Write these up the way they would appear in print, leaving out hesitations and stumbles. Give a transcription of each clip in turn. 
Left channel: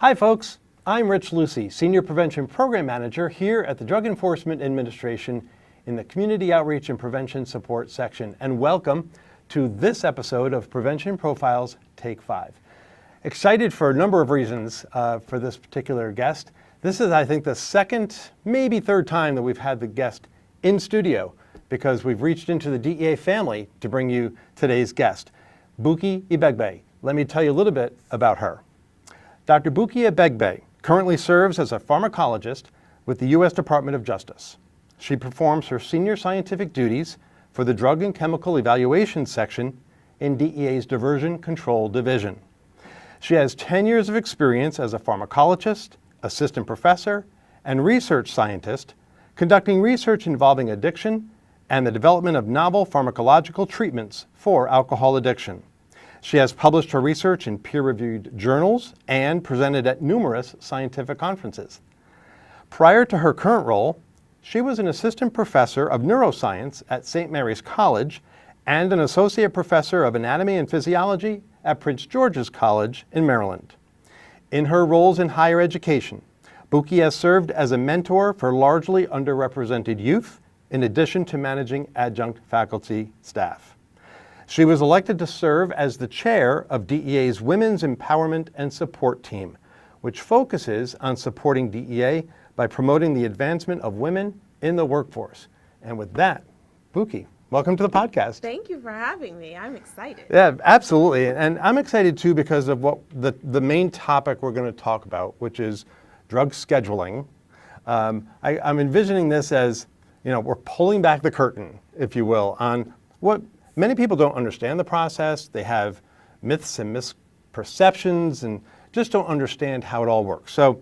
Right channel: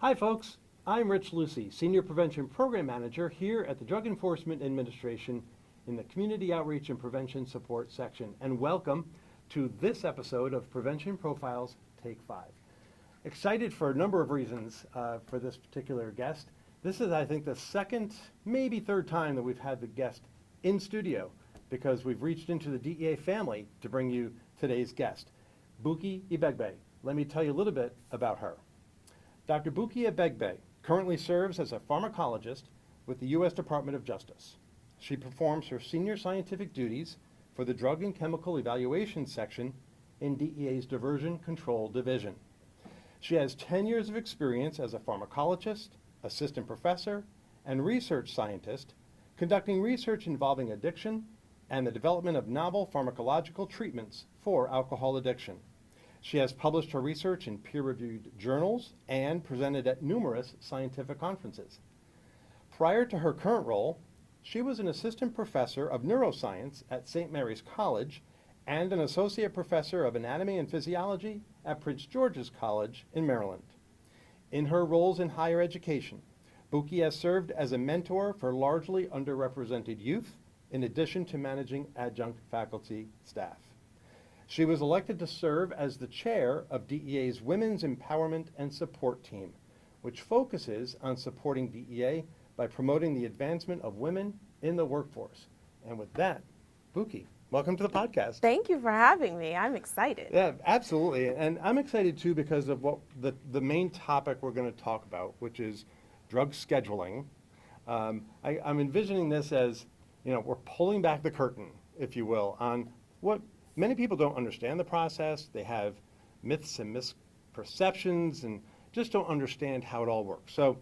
Hi folks, I'm Rich Lucy, Senior Prevention Program Manager here at the Drug Enforcement Administration in the Community Outreach and Prevention Support section, and welcome to this episode of Prevention Profiles Take 5. Excited for a number of reasons for this particular guest. This is, I think, the second, maybe third time that we've had the guest in studio because we've reached into the DEA family to bring you today's guest, Buki Ebeigbe. Let me tell you a little bit about her. Dr. Buki Ebeigbe currently serves as a pharmacologist with the U.S. Department of Justice. She performs her senior scientific duties for the Drug and Chemical Evaluation section in DEA's Diversion Control Division. She has 10 years of experience as a pharmacologist, assistant professor, and research scientist, conducting research involving addiction and the development of novel pharmacological treatments for alcohol addiction. She has published her research in peer-reviewed journals and presented at numerous scientific conferences. Prior to her current role, she was an assistant professor of neuroscience at St. Mary's College and an associate professor of anatomy and physiology at Prince George's College in Maryland. In her roles in higher education, Buki has served as a mentor for largely underrepresented youth, in addition to managing adjunct faculty staff. She was elected to serve as the chair of DEA's Women's Empowerment and Support Team, which focuses on supporting DEA by promoting the advancement of women in the workforce. And with that, Buki, welcome to the podcast. Thank you for having me. I'm excited. Yeah, absolutely. And I'm excited too because of what the main topic we're going to talk about, which is drug scheduling. I'm envisioning this as, we're pulling back the curtain, if you will, on what many people don't understand the process. They have myths and misperceptions and just don't understand how it all works. So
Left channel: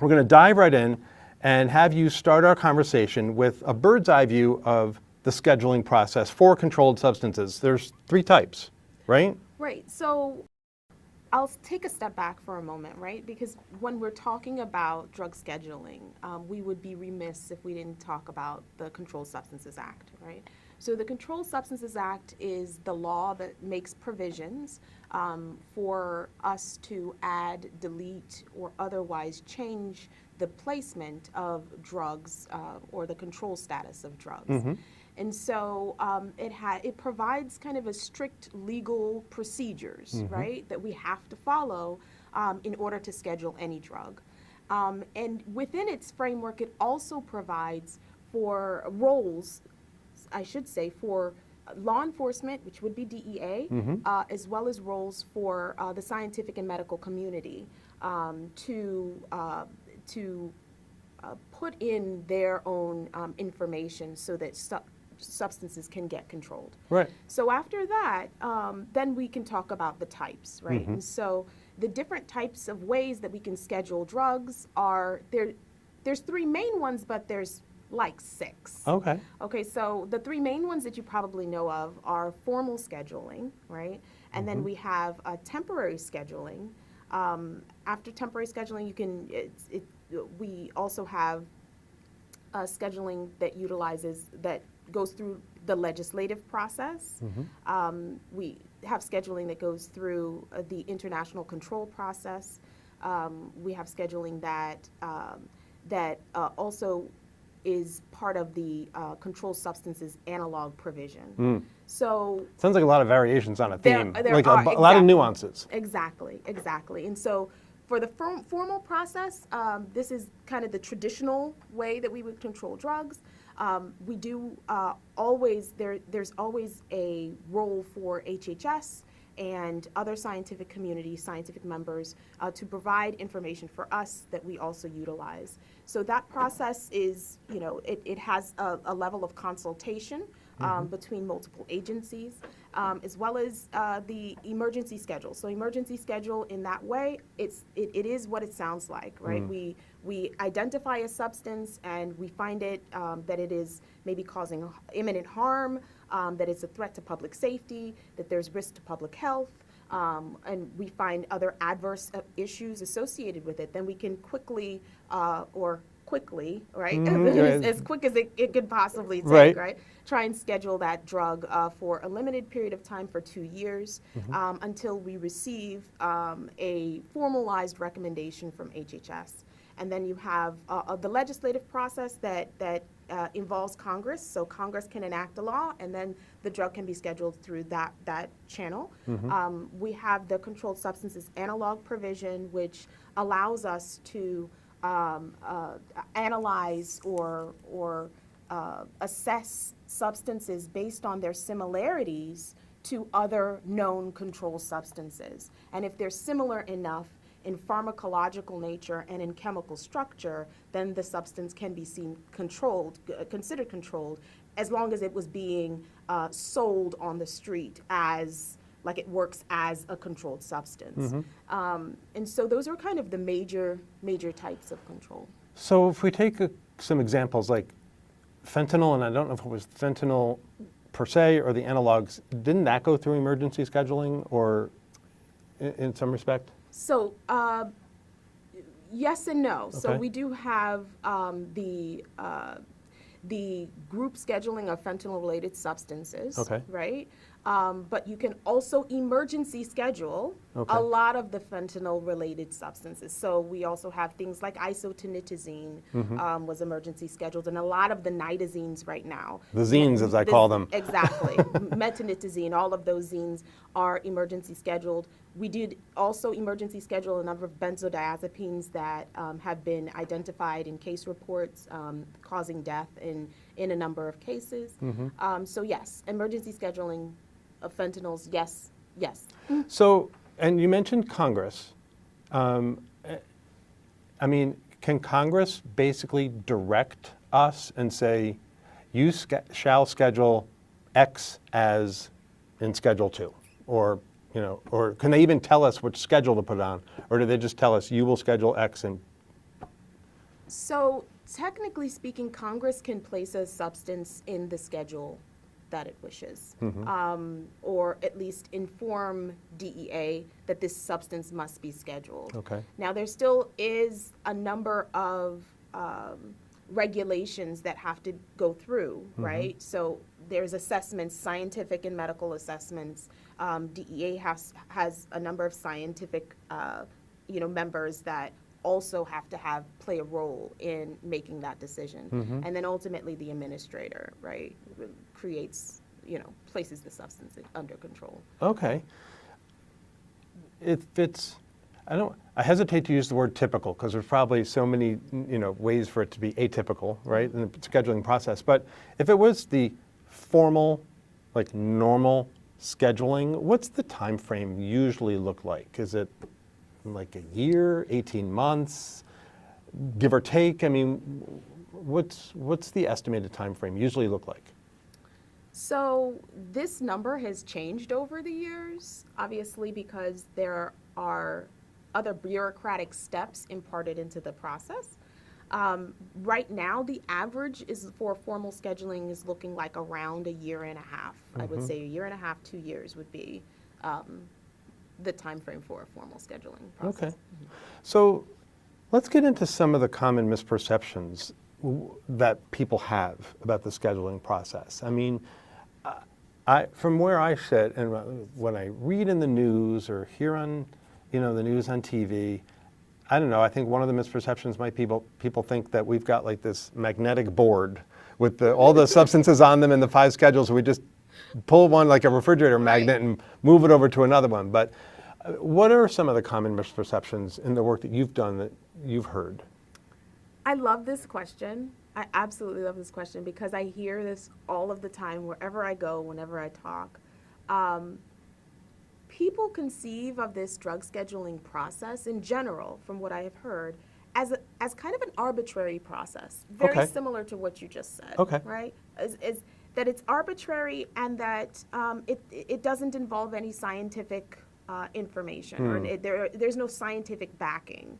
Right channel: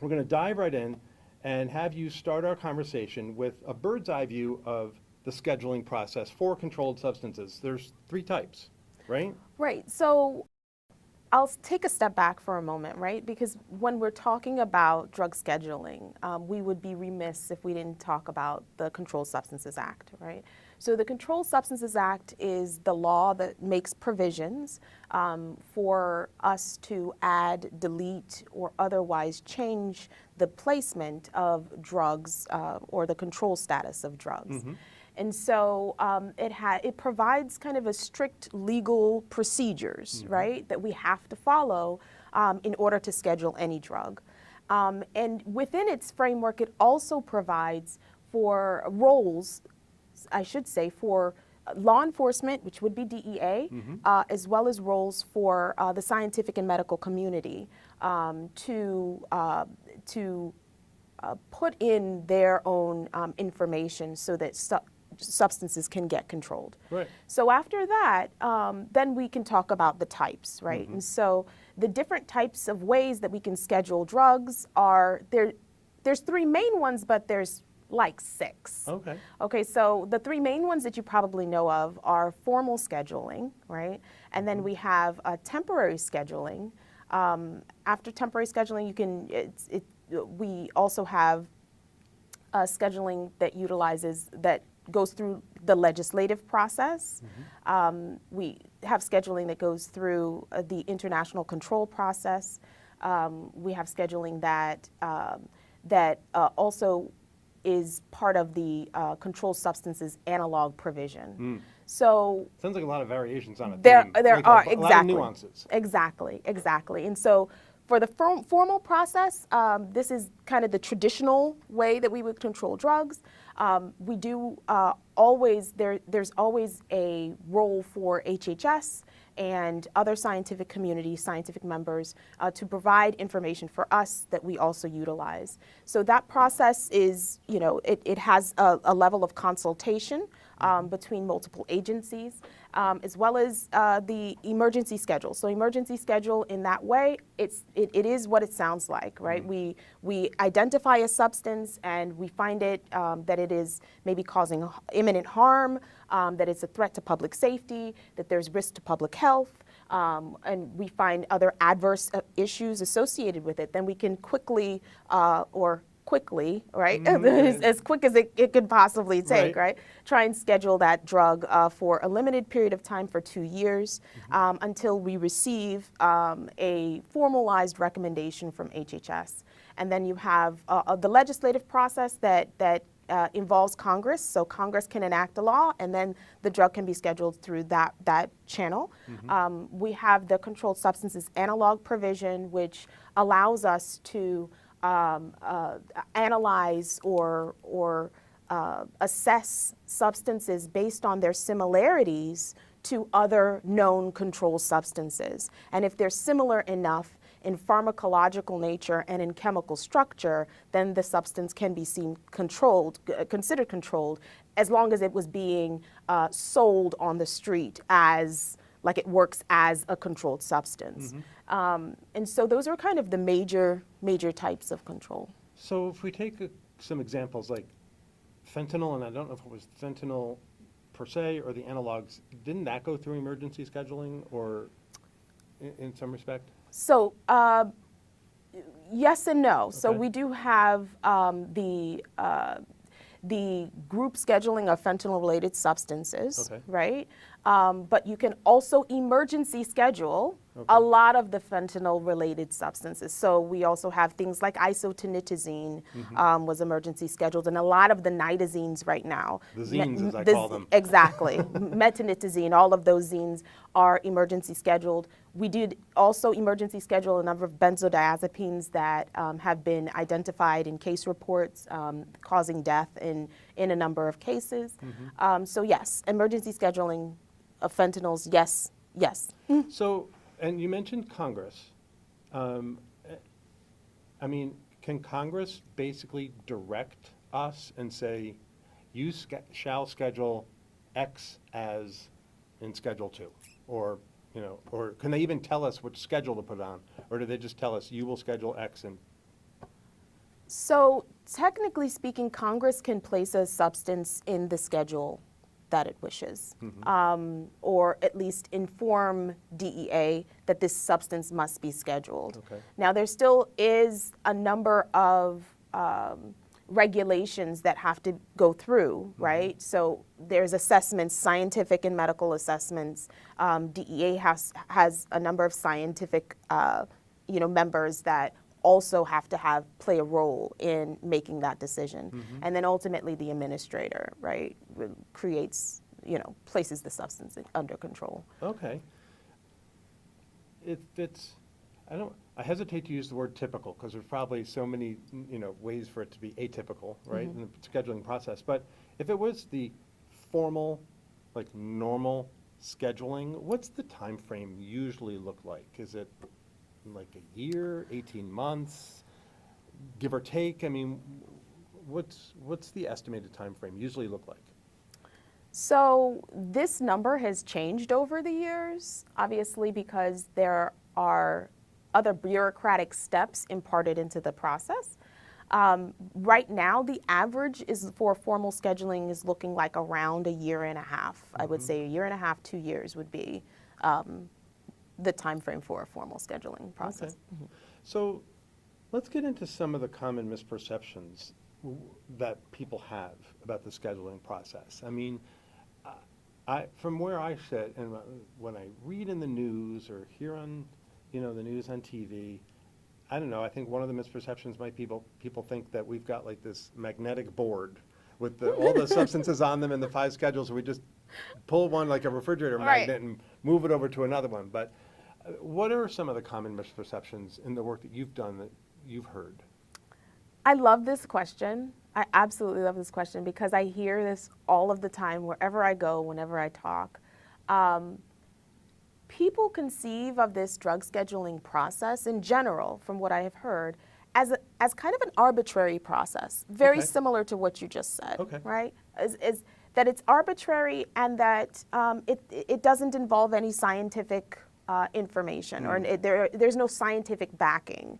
we're going to dive right in and have you start our conversation with a bird's eye view of the scheduling process for controlled substances. There's 3 types, right? Right. So I'll take a step back for a moment, right? Because when we're talking about drug scheduling, we would be remiss if we didn't talk about the Controlled Substances Act, right? So the Controlled Substances Act is the law that makes provisions for us to add, delete, or otherwise change the placement of drugs or the control status of drugs. Mm-hmm. And so it provides kind of a strict legal procedures, mm-hmm. right, that we have to follow in order to schedule any drug. And within its framework, it also provides for roles, I should say, for law enforcement, which would be DEA, mm-hmm. As well as roles for the scientific and medical community to put in their own information so that substances can get controlled. Right. So after that, then we can talk about the types, right? Mm-hmm. And so the different types of ways that we can schedule drugs are there's 3 main ones, but there's like 6. Okay. Okay, so the 3 main ones that you probably know of are formal scheduling, right? And mm-hmm. then we have temporary scheduling. After temporary scheduling, we also have scheduling that goes through the legislative process. Mm-hmm. We have scheduling that goes through the international control process. We have scheduling that also is part of the controlled substances analog provision. Mm. So sounds like a lot of variations on a theme. There like are a lot of nuances. Exactly. And so for the formal process, this is kind of the traditional way that we would control drugs. We do there's always a role for HHS and other scientific members to provide information for us that we also utilize. So that process is, it has a level of consultation mm-hmm. between multiple agencies, as well as the emergency schedule. So emergency schedule in that way, it is what it sounds like, right? Mm. We identify a substance and we find it that it is maybe causing imminent harm, that it's a threat to public safety, that there's risk to public health, and we find other adverse issues associated with it. Then we can quickly or quickly, right? Right. As quick as it could possibly take, Right. right? Try and schedule that drug for a limited period of time for 2 years until we receive a formalized recommendation from HHS. And then you have the legislative process that involves Congress. So Congress can enact a law, and then the drug can be scheduled through that channel. We have the controlled substances analog provision, which allows us to analyze or assess substances based on their similarities to other known controlled substances. And if they're similar enough in pharmacological nature and in chemical structure, then the substance can be considered controlled, as long as it was being sold on the street as, like it works as a controlled substance. And so those are kind of the major types of control. So if we take some examples like fentanyl, and I don't know if it was fentanyl per se or the analogs, didn't that go through emergency scheduling or in some respect? So yes and no. So Okay. we do have the group scheduling of fentanyl-related substances, Okay. right? But you can also emergency schedule Okay. a lot of the fentanyl-related substances. So we also have things like isotonitazine was emergency scheduled, and a lot of the nitazines right now. The zines, as I call them. Exactly. Metonitazine, all of those zines are emergency scheduled. We did also emergency schedule a number of benzodiazepines that have been identified in case reports causing death in a number of cases. So yes, emergency scheduling of fentanyls, yes. So, and you mentioned Congress. I mean, can Congress basically direct us and say, you shall schedule X as in Schedule 2? Or, or can they even tell us which schedule to put on? Or do they just tell us, you will schedule X and... So technically speaking, Congress can place a substance in the schedule that it wishes, or at least inform DEA that this substance must be scheduled. Okay. Now, there still is a number of regulations that have to go through, right? So there's assessments, scientific and medical assessments. DEA has a number of scientific, members that also have to play a role in making that decision. And then ultimately the administrator, right, creates, places the substance under control. Okay. If it's, I hesitate to use the word typical because there's probably so many, ways for it to be atypical, right, in the scheduling process. But if it was the formal, like normal scheduling, what's the time frame usually look like? Is it like a year, 18 months, give or take? I mean, what's the estimated time frame usually look like? So this number has changed over the years, obviously, because there are other bureaucratic steps imparted into the process. Right now, the average is for formal scheduling is looking like around a year and a half. I would say a year and a half, 2 years would be the time frame for a formal scheduling process. Okay. So let's get into some of the common misperceptions that people have about the scheduling process. I mean, from where I sit and when I read in the news or hear on, the news on TV, I don't know, I think one of the misperceptions might people think that we've got like this magnetic board with all the substances on them and the 5 schedules. We just pull one like a refrigerator magnet and move it over to another one. But what are some of the common misperceptions in the work that you've done that you've heard? I love this question. I absolutely love this question because I hear this all of the time wherever I go, whenever I talk. People conceive of this drug scheduling process in general, from what I have heard, as kind of an arbitrary process, very similar to what you just said, right? Is that it's arbitrary and that it doesn't involve any scientific information, or there's no scientific backing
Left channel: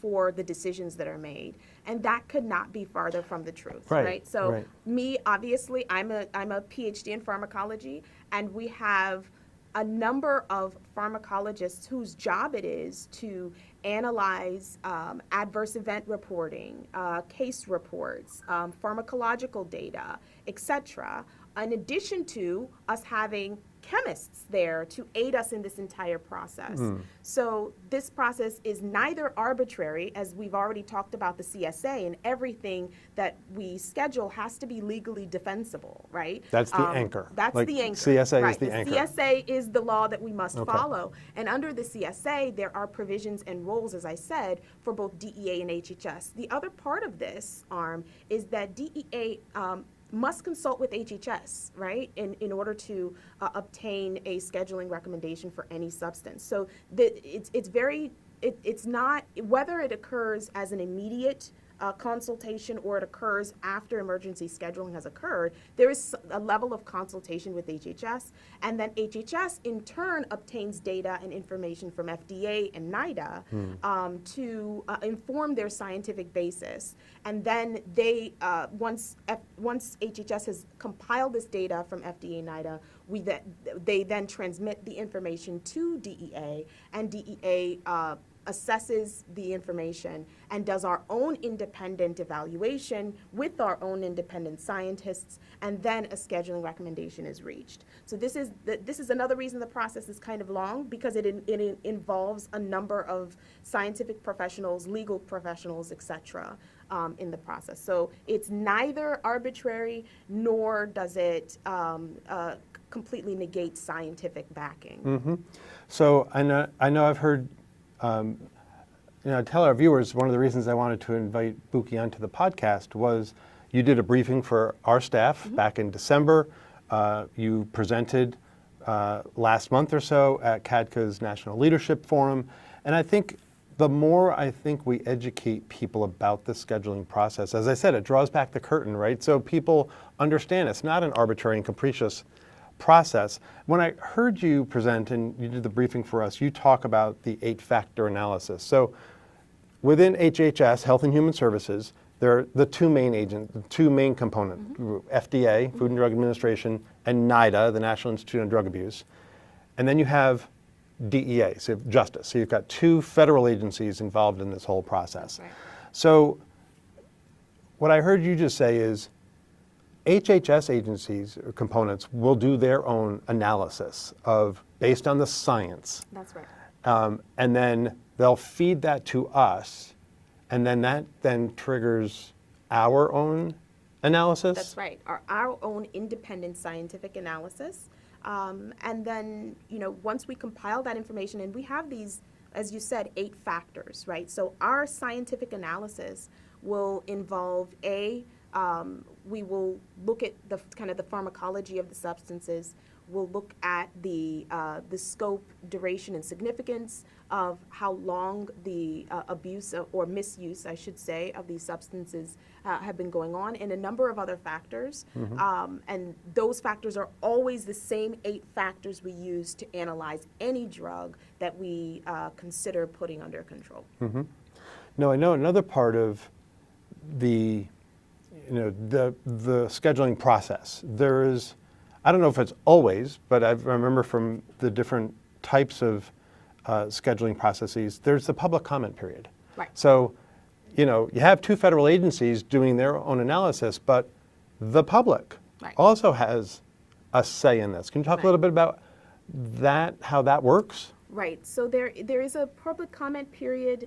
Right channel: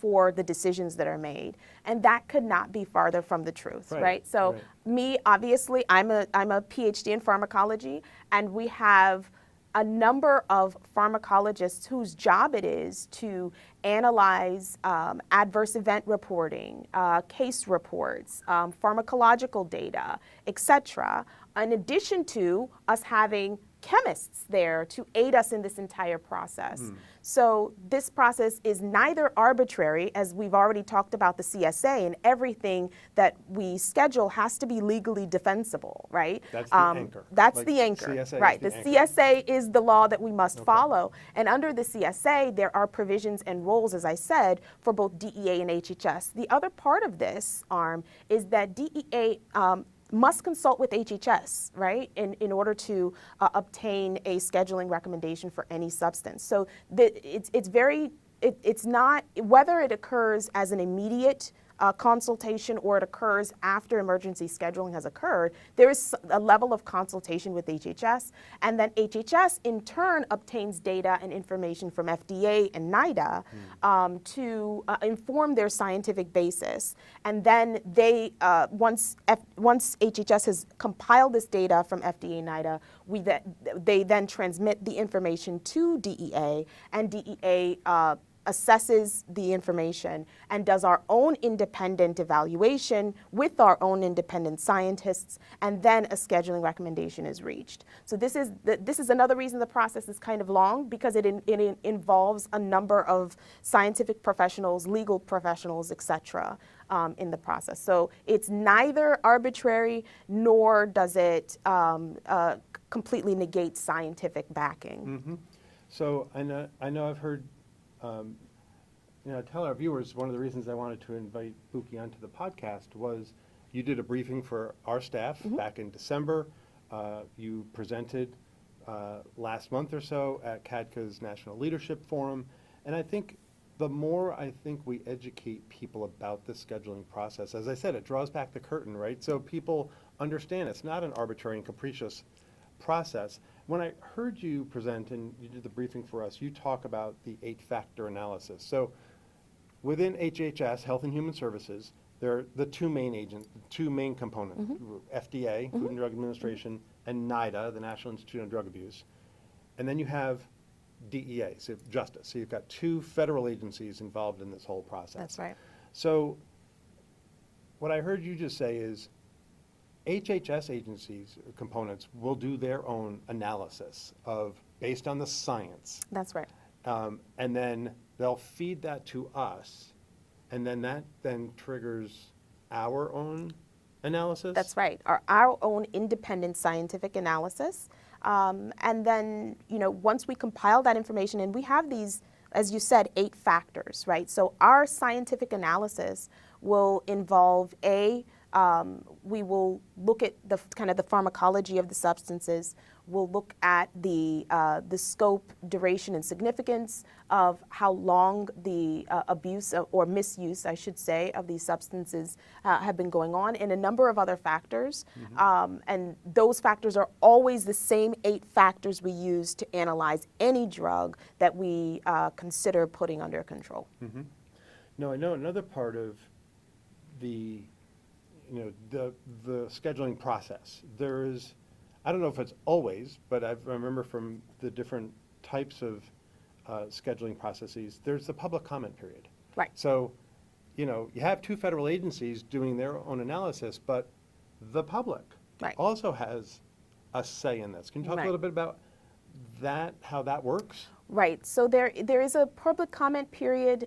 for the decisions that are made, and that could not be farther from the truth, right? So me, obviously, I'm a PhD in pharmacology, and we have a number of pharmacologists whose job it is to analyze adverse event reporting, case reports, pharmacological data, etc., in addition to us having chemists there to aid us in this entire process. So this process is neither arbitrary, as we've already talked about the CSA, and everything that we schedule has to be legally defensible, right? That's the anchor. That's Like the anchor. CSA right. is the anchor. CSA is the law that we must follow. And under the CSA, there are provisions and roles, as I said, for both DEA and HHS. The other part of this arm is that DEA must consult with HHS, right, in order to obtain a scheduling recommendation for any substance. So it's not, whether it occurs as an immediate consultation or it occurs after emergency scheduling has occurred, there is a level of consultation with HHS, and then HHS in turn obtains data and information from FDA and NIDA to inform their scientific basis. And then they, once HHS has compiled this data from FDA and NIDA, they then transmit the information to DEA, and DEA assesses the information and does our own independent evaluation with our own independent scientists, and then a scheduling recommendation is reached. So this is another reason the process is kind of long, because it involves a number of scientific professionals, legal professionals, etc. In the process. So it's neither arbitrary nor does it completely negate scientific backing. So I know I've heard, tell our viewers, one of the reasons I wanted to invite Buki onto the podcast was you did a briefing for our staff back in December. You presented last month or so at CADCA's National Leadership Forum. And I think the more we educate people about the scheduling process, as I said, it draws back the curtain, right? So people understand it's not an arbitrary and capricious process. When I heard you present and you did the briefing for us, you talk about the 8-factor analysis. So within HHS, Health and Human Services, there are the two main components, FDA, Food and Drug Administration, and NIDA, the National Institute on Drug Abuse. And then you have DEA, so Justice. So you've got two federal agencies involved in this whole process. That's right. So what I heard you just say is HHS agencies or components will do their own analysis based on the science. That's right. And then they'll feed that to us, and then that triggers our own analysis? That's right, our own independent scientific analysis. And then, once we compile that information, and we have these, as you said, 8 factors, right? So our scientific analysis will involve we will look at the pharmacology of the substances. We'll look at the scope, duration, and significance of how long the abuse or misuse, I should say, of these substances have been going on, and a number of other factors. And those factors are always the same 8 factors we use to analyze any drug that we consider putting under control. No, I know another part of the scheduling process. There is, I don't know if it's always, but I remember from the different types of scheduling processes, there's the public comment period. Right. So, you have two federal agencies doing their own analysis, but the public also has a say in this. Can you talk a little bit about that, how that works? Right. So there is a public comment period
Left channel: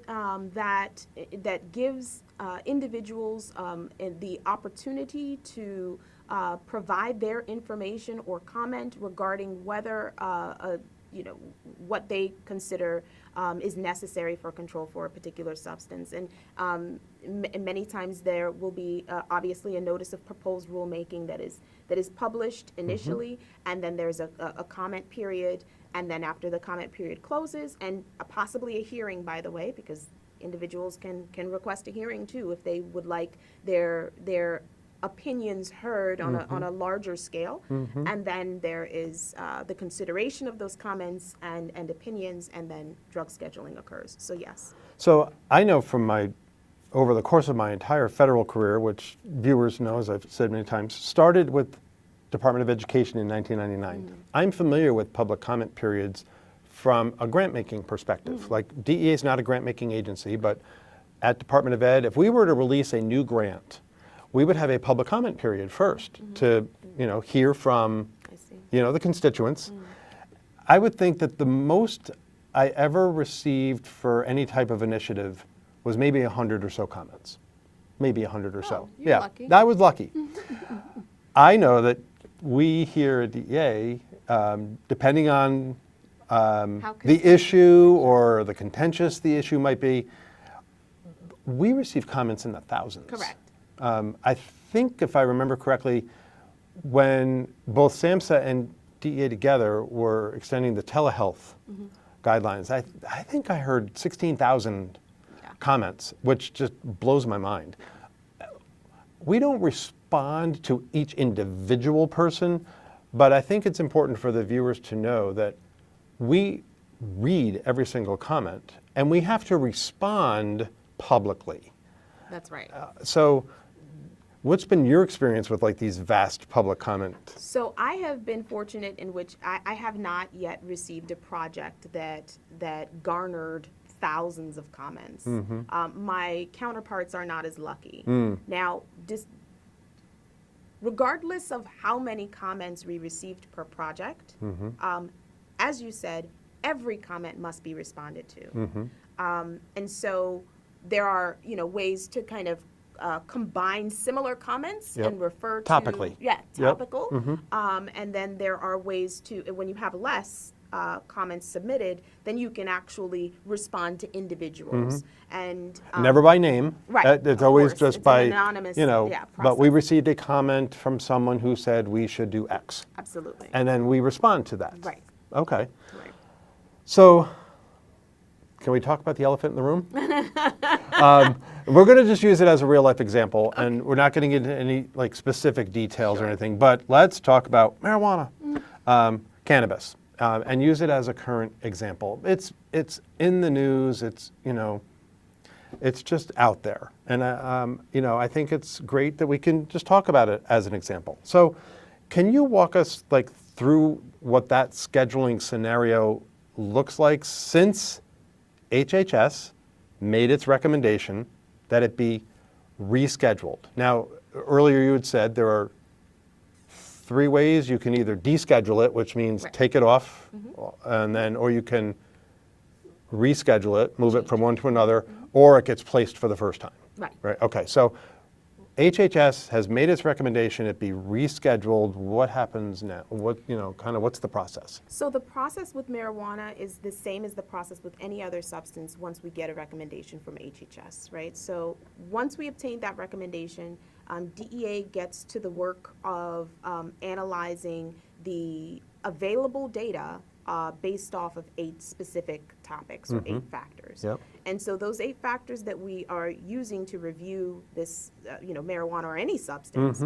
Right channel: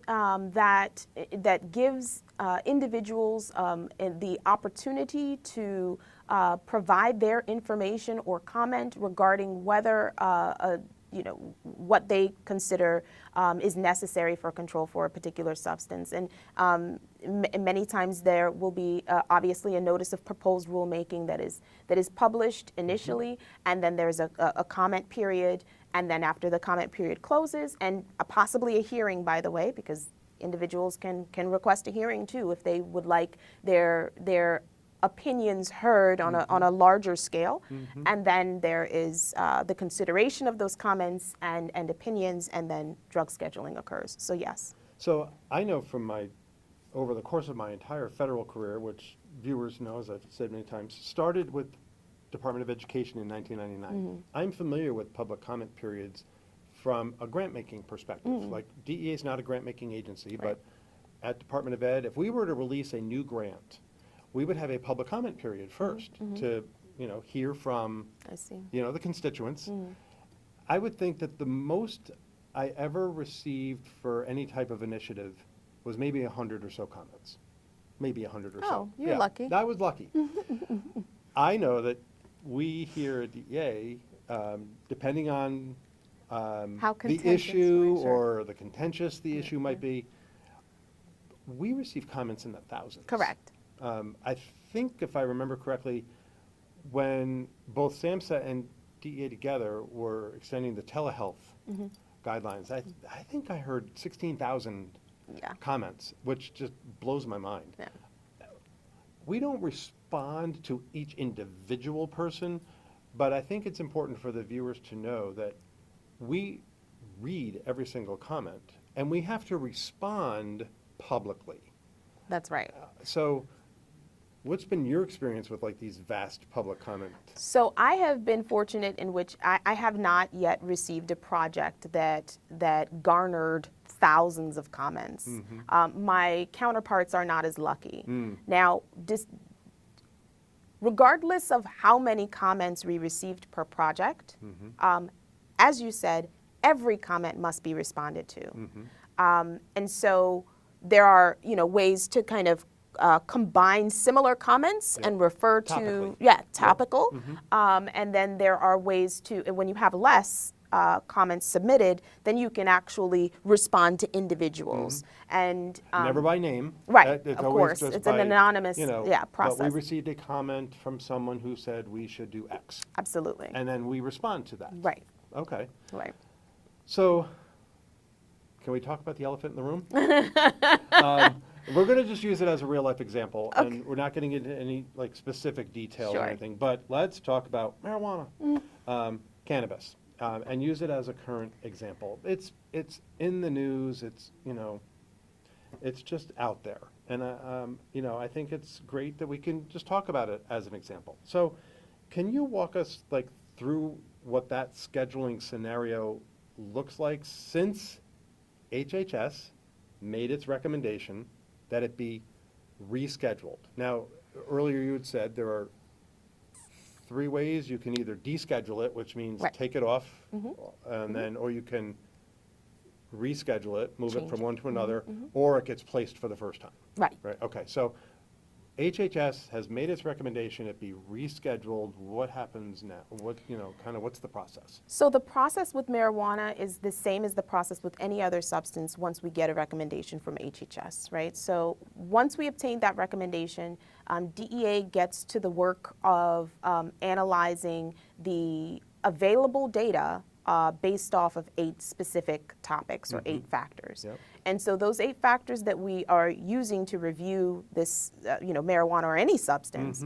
that gives individuals the opportunity to provide their information or comment regarding whether what they consider is necessary for control for a particular substance. And many times there will be obviously a notice of proposed rulemaking that is published initially, and then there's a comment period. And then after the comment period closes, and possibly a hearing, by the way, because individuals can request a hearing too if they would like their opinions heard on a larger scale. And then there is the consideration of those comments and opinions, and then drug scheduling occurs. So yes. So I know from over the course of my entire federal career, which viewers know, as I've said many times, started with Department of Education in 1999. I'm familiar with public comment periods from a grant-making perspective. Like DEA is not a grant-making agency, but at Department of Ed, if we were to release a new grant, we would have a public comment period first to, hear from, I see. the constituents. I would think that the most I ever received for any type of initiative was maybe 100 or so comments. Maybe 100 or so. You're Yeah, lucky. I was lucky. I know that we here at DEA, depending on the contentious, issue or the contentious the issue might be, we receive comments in the thousands. Correct. I think, if I remember correctly, when both SAMHSA and DEA together were extending the telehealth guidelines, I think I heard 16,000 comments, which just blows my mind. Yeah. We don't respond to each individual person, but I think it's important for the viewers to know that we read every single comment and we have to respond publicly. That's right. So what's been your experience with like these vast public comments? So I have been fortunate in which I have not yet received a project that garnered thousands of comments. My counterparts are not as lucky. Now, regardless of how many comments we received per project, as you said, every comment must be responded to. And so there are, ways to kind of combine similar comments and refer to Topically. topical. And then there are ways to, when you have less comments submitted, then you can actually respond to individuals. And Never by name. right, It's of always course. just It's by, an anonymous, but we process. received a comment from someone who said we should do X. Absolutely. And then we respond to that. Right. Okay. Right. So, can we talk about the elephant in the room? We're going to just use it as a real life example, and we're not getting into any like specific details or anything. But let's talk about marijuana, cannabis, and use it as a current example. It's in the news. It's it's just out there, and I think it's great that we can just talk about it as an example. So, can you walk us like through what that scheduling scenario looks like since HHS made its recommendation that it be rescheduled? Now, earlier you had said there are 3 ways. You can either deschedule it, which means take it off, and then, or you can reschedule it, move it from one to another, or it gets placed for the first time. Right. Right. Okay. So HHS has made its recommendation it be rescheduled. What happens now? What, kind of what's the process? So the process with marijuana is the same as the process with any other substance once we get a recommendation from HHS, right? So once we obtain that recommendation, DEA gets to the work of analyzing the available data based off of 8 specific topics or 8 factors. Yep. And so those 8 factors that we are using to review this, marijuana or any substance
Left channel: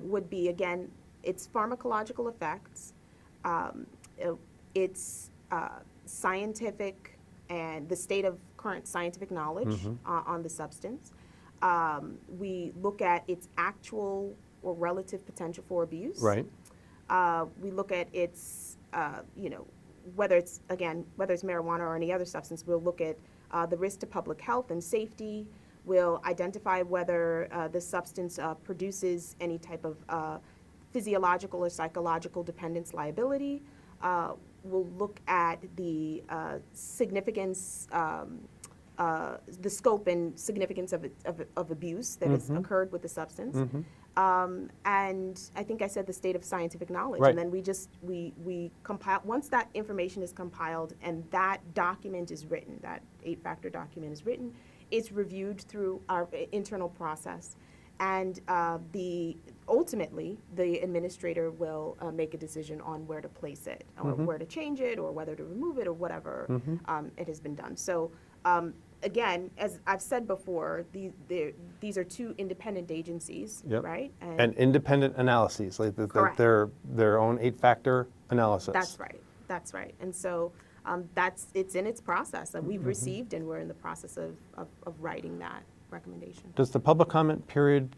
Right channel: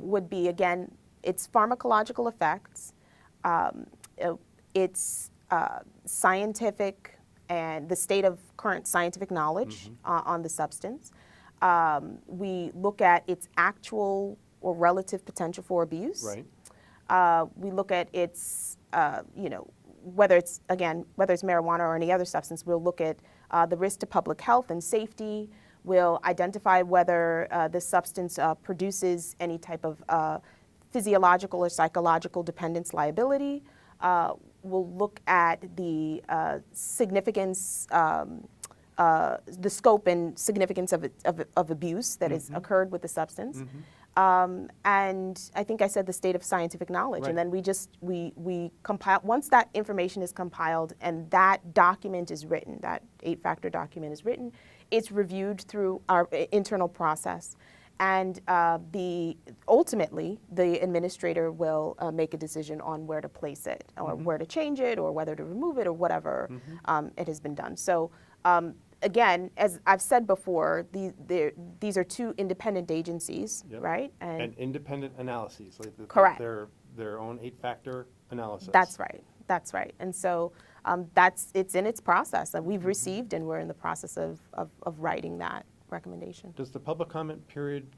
would be, again, its pharmacological effects, its scientific and the state of current scientific knowledge on the substance. We look at its actual or relative potential for abuse. Right. We look at its, whether it's marijuana or any other substance, we'll look at the risk to public health and safety. We'll identify whether the substance produces any type of physiological or psychological dependence liability. We'll look at the significance, the scope and significance of abuse that has occurred with the substance. And I think I said the state of scientific knowledge. Right. And then we compile, once that information is compiled and that document is written, that 8-factor document is written, it's reviewed through our internal process. And ultimately, the administrator will make a decision on where to place it, or where to change it, or whether to remove it, or whatever it has been done. So again, as I've said before, these are 2 independent agencies, right? And independent analyses, like Correct. their own 8-factor analysis. That's right. That's right. And so it's in its process, and we've received, and we're in the process of writing that recommendation. Does the public comment period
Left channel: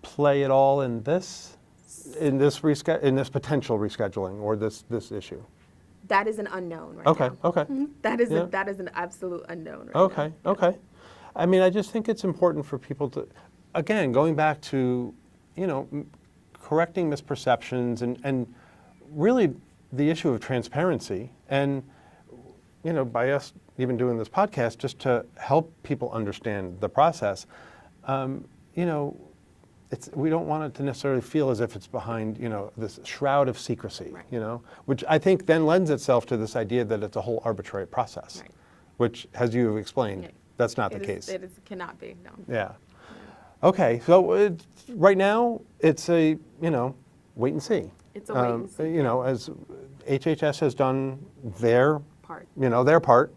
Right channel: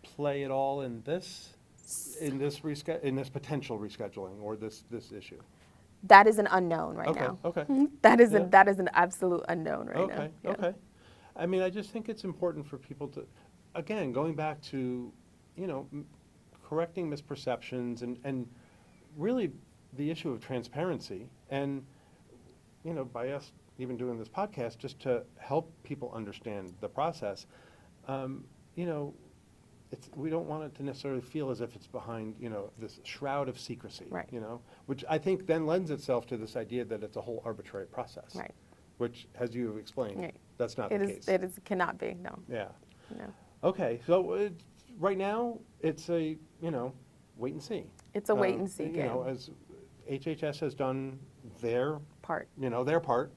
play at all in this? in this potential rescheduling or this issue? That is an unknown right now. Okay. That is Yeah. that is an absolute unknown right now. Okay. I mean, I just think it's important for people to, again, going back to, correcting misperceptions and really the issue of transparency and, by us even doing this podcast, just to help people understand the process. We don't want it to necessarily feel as if it's behind, this shroud of secrecy, Right. Which I think then lends itself to this idea that it's a whole arbitrary process, Right. which, as you have explained, Yeah. that's not the case. It cannot be, no. Yeah. No. Okay, so right now it's a, wait and see. It's a wait and see. As HHS has done their Part. Their part,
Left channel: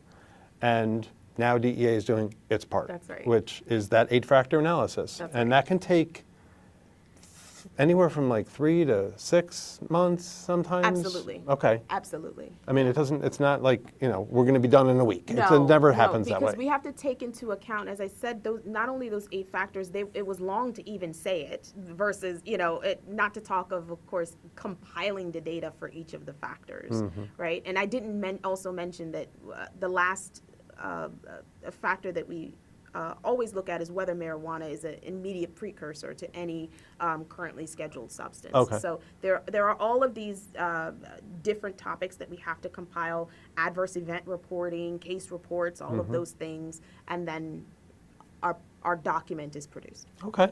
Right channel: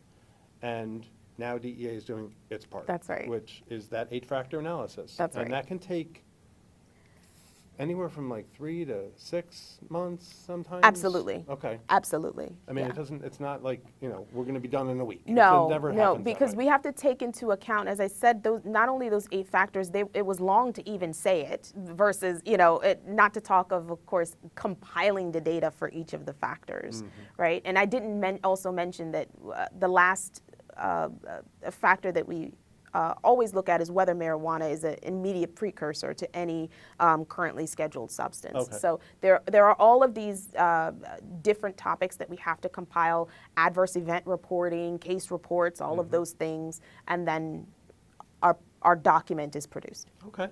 and now DEA is doing its part. That's right. Which is that 8-factor analysis. That's and right. that can take anywhere from like 3 to 6 months sometimes. Absolutely. Okay. Absolutely. I mean, it's not like, we're going to be done in a week. No, It never happens that way. because we have to take into account, as I said, not only those 8 factors, it was long to even say it versus, not to talk of course, compiling the data for each of the factors, right? And I didn't also mention that the last factor that we always look at is whether marijuana is an immediate precursor to any currently scheduled substance. Okay. So there are all of these different topics that we have to compile: adverse event reporting, case reports, all of those things, and then our document is produced. Okay.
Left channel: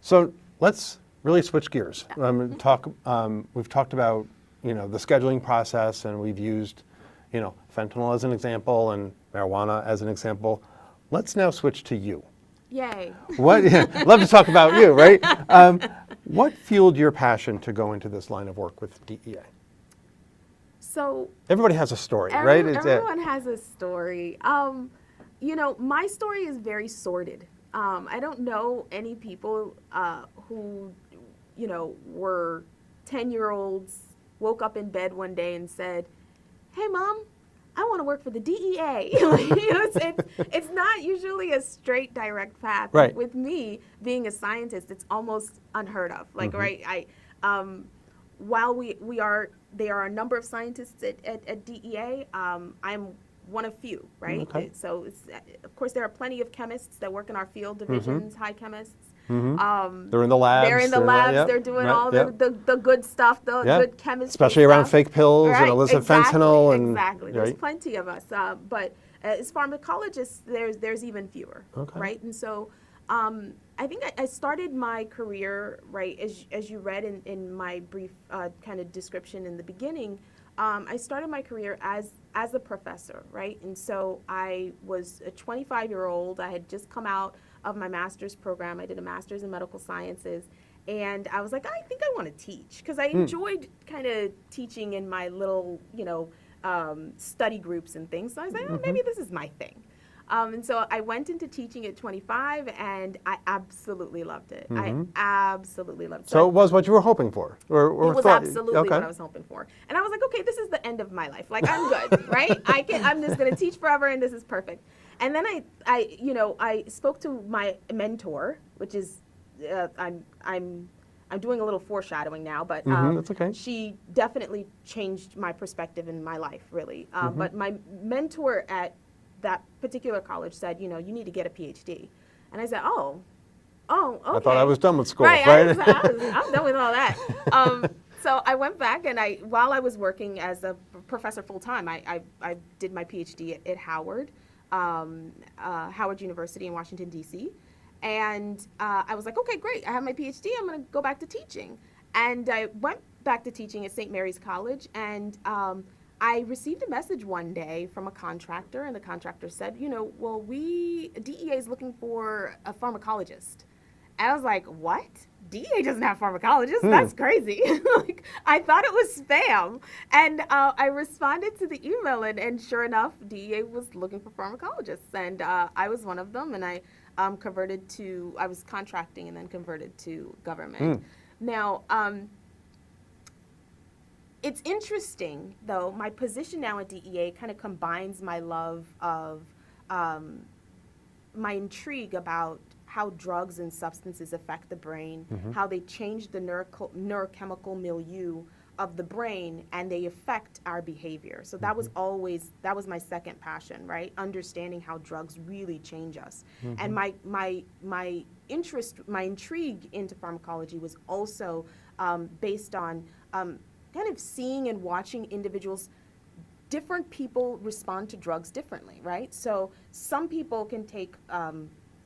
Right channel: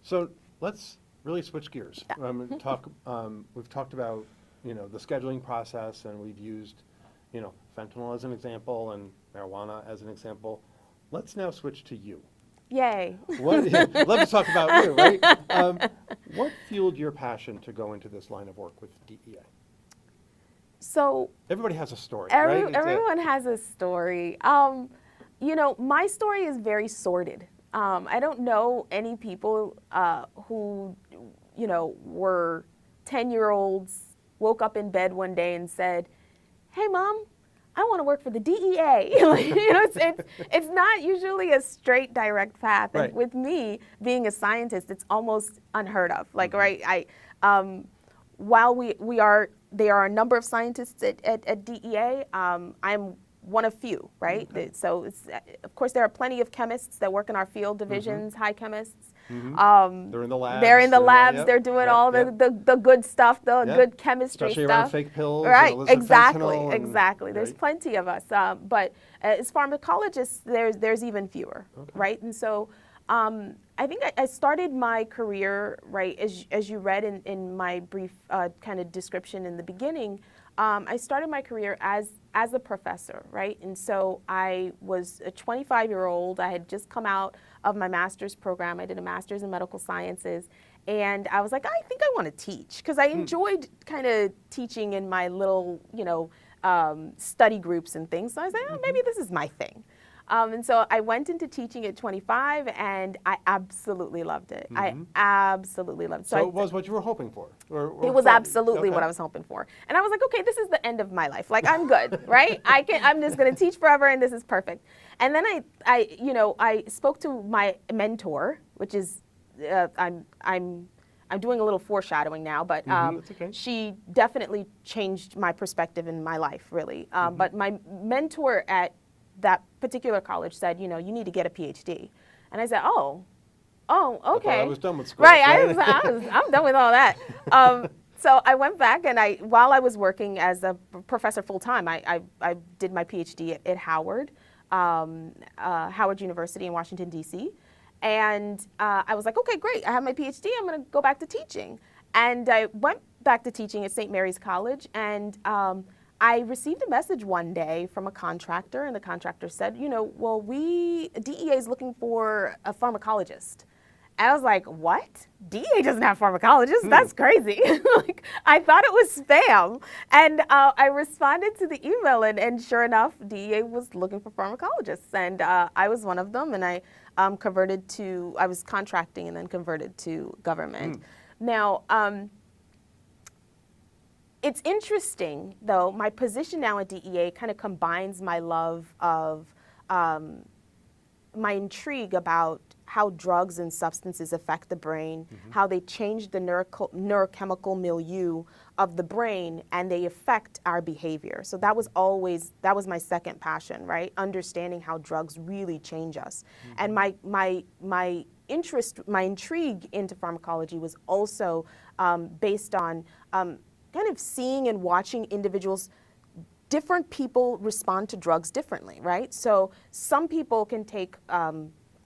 So let's really switch gears. We've talked about, the scheduling process, and we've used, fentanyl as an example and marijuana as an example. Let's now switch to you. Yay. Love to talk about you, right? What fueled your passion to go into this line of work with DEA? So everybody has a story, right? Everyone has a story. My story is very sordid. I don't know any people who, were 10-year-olds, woke up in bed one day and said, "Hey, Mom, I want to work for the DEA." It's not usually a straight, direct path. Right. With me being a scientist, it's almost unheard of. Right? While there are a number of scientists at DEA, I'm one of few, right? Okay. So of course there are plenty of chemists that work in our field divisions, high chemists. They're in the labs. They're in the labs. Yep, They're doing right, all yep. the good stuff, the Yep. good chemistry Especially stuff. around fake pills Right, and illicit exactly, fentanyl. And, exactly. There's right? plenty of us. But as pharmacologists, there's even fewer, Okay. right? And so I think I started my career, right, as you read in my brief kind of description in the beginning, I started my career as a professor, right? And so I was a 25-year-old. I had just come out of my master's program. I did a master's in medical sciences. And I was like, I think I want to teach, because I enjoyed kind of teaching in my little, study groups and things. So I was like, oh, maybe this is my thing. And so I went into teaching at 25, and I absolutely loved it. I absolutely loved it. So it was what you were hoping for? Or it was thought- absolutely okay. what I was hoping for. And I was like, okay, this is the end of my life. Like, I'm good, right? I'm just going to teach forever, and this is perfect. And then I spoke to my mentor, which is, I'm doing a little foreshadowing now, but That's okay. she definitely changed my perspective in my life, really. But my mentor at that particular college said, you need to get a PhD. And I said, oh, okay. I thought I was done with school. Right, right? I'm done with all that. So I went back, and while I was working as a professor full-time, I did my PhD at Howard University in Washington, D.C. And I was like, okay, great, I have my PhD, I'm going to go back to teaching. And I went back to teaching at St. Mary's College, and I received a message one day from a contractor, and the contractor said, well, DEA is looking for a pharmacologist. And I was like, what? DEA doesn't have pharmacologists? That's crazy. I thought it was spam. And I responded to the email, and sure enough, DEA was looking for pharmacologists. And I was one of them, and I was contracting and then converted to government. Now, it's interesting, though, my position now at DEA kind of combines my love of, my intrigue about how drugs and substances affect the brain, how they change the neurochemical milieu of the brain, and they affect our behavior. So that was my second passion, right? Understanding how drugs really change us. And my interest, my intrigue into pharmacology was also based on kind of seeing and watching individuals. Different people respond to drugs differently, right? So some people can take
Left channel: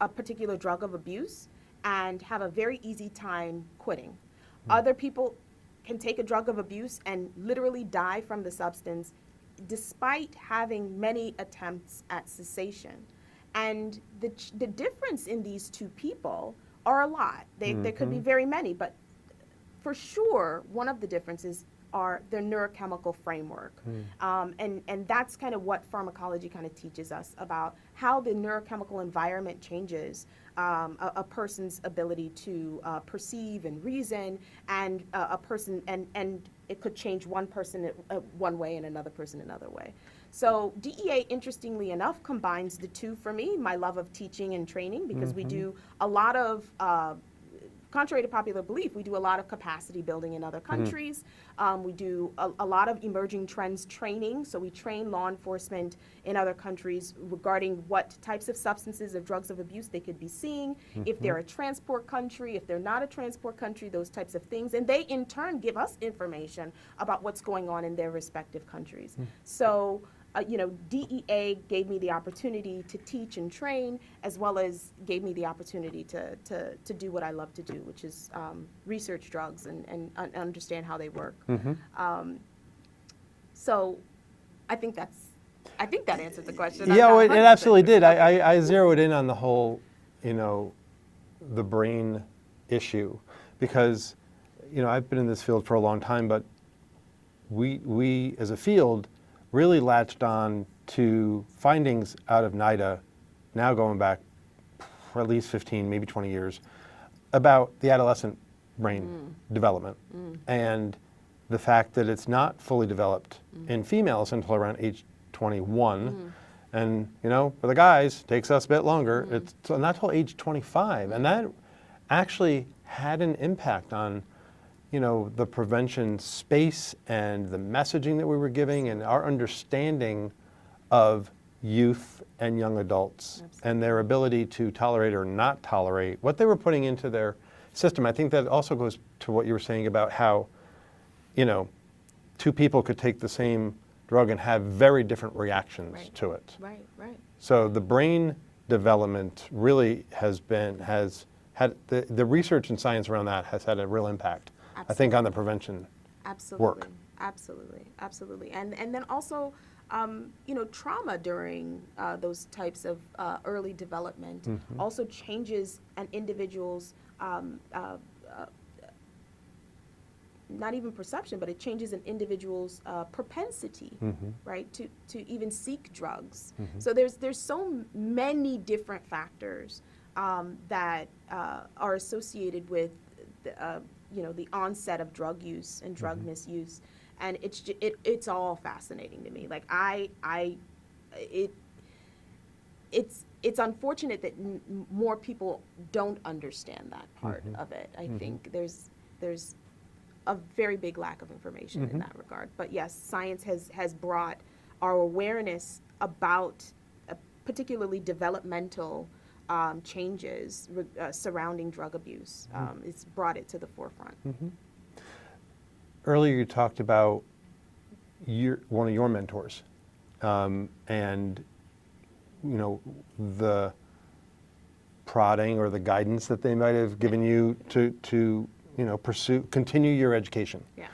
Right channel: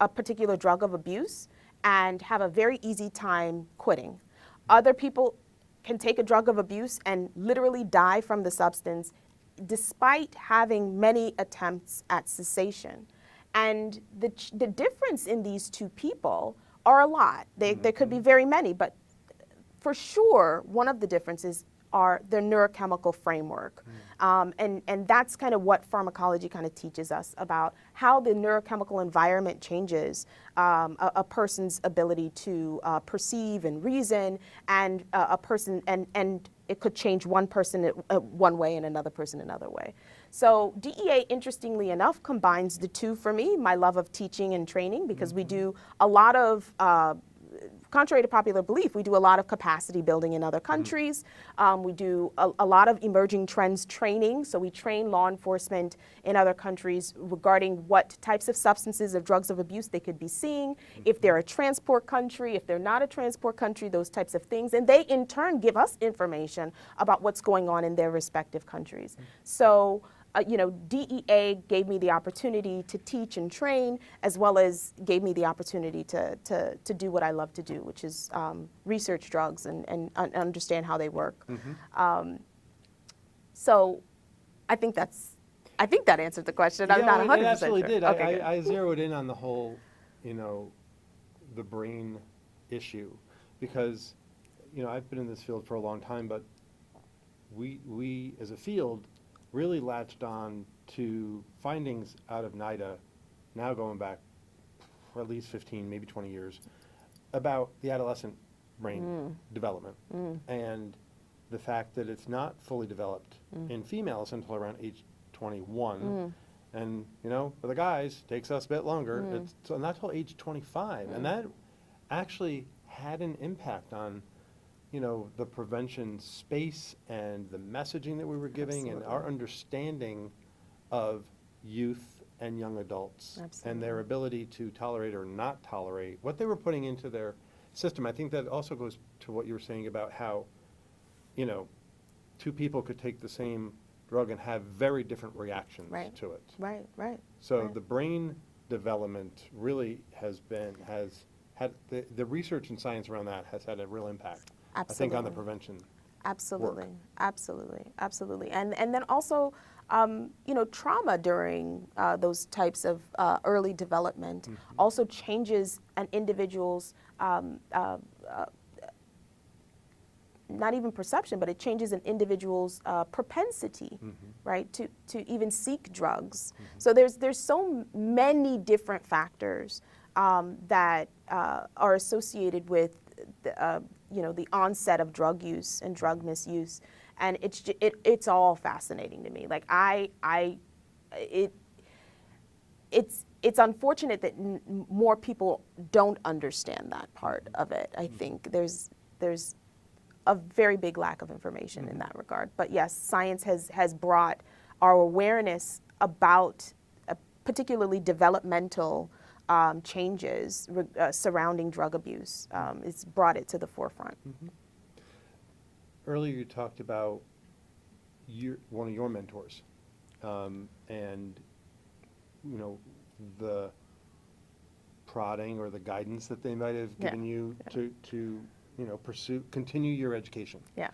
a particular drug of abuse and have a very easy time quitting. Other people can take a drug of abuse and literally die from the substance despite having many attempts at cessation. And the difference in these two people are a lot. There could be very many, but for sure, one of the differences are their neurochemical framework. And that's kind of what pharmacology kind of teaches us about how the neurochemical environment changes a person's ability to perceive and reason, and a person, and it could change one person one way and another person another way. So DEA, interestingly enough, combines the two for me, my love of teaching and training, because we do a lot of contrary to popular belief, we do a lot of capacity building in other countries. We do a lot of emerging trends training. So we train law enforcement in other countries regarding what types of substances or drugs of abuse they could be seeing, if they're a transport country, if they're not a transport country, those types of things. And they in turn give us information about what's going on in their respective countries. So DEA gave me the opportunity to teach and train, as well as gave me the opportunity to do what I love to do, which is research drugs and understand how they work. So I think that answered the question. Yeah, it absolutely did. Okay. I zeroed in on the whole, the brain issue, because, I've been in this field for a long time, but we as a field really latched on to findings out of NIDA, now going back for at least 15, maybe 20 years, about the adolescent brain development, and the fact that it's not fully developed in females until around age 21. And, for the guys, takes us a bit longer. It's not till age 25. And that actually had an impact on the prevention space and the messaging that we were giving and our understanding of youth and young adults and their ability to tolerate or not tolerate what they were putting into their system. I think that also goes to what you were saying about how, two people could take the same drug and have very different reactions to it. Right. So the brain development really has had the research and science around that has had a real impact. I think on the prevention work. Absolutely. And then also, trauma during those types of early development also changes an individual's, not even perception, but it changes an individual's propensity, right, to even seek drugs. So there's so many different factors that are associated with the onset of drug use and drug misuse, and it's all fascinating to me. Like it's unfortunate that more people don't understand that part of it. I think there's a very big lack of information in that regard. But yes, science has brought our awareness about particularly developmental changes surrounding drug abuse. It's brought it to the forefront. Earlier you talked about one of your mentors and the prodding or the guidance that they might have given you to continue your education. Yeah.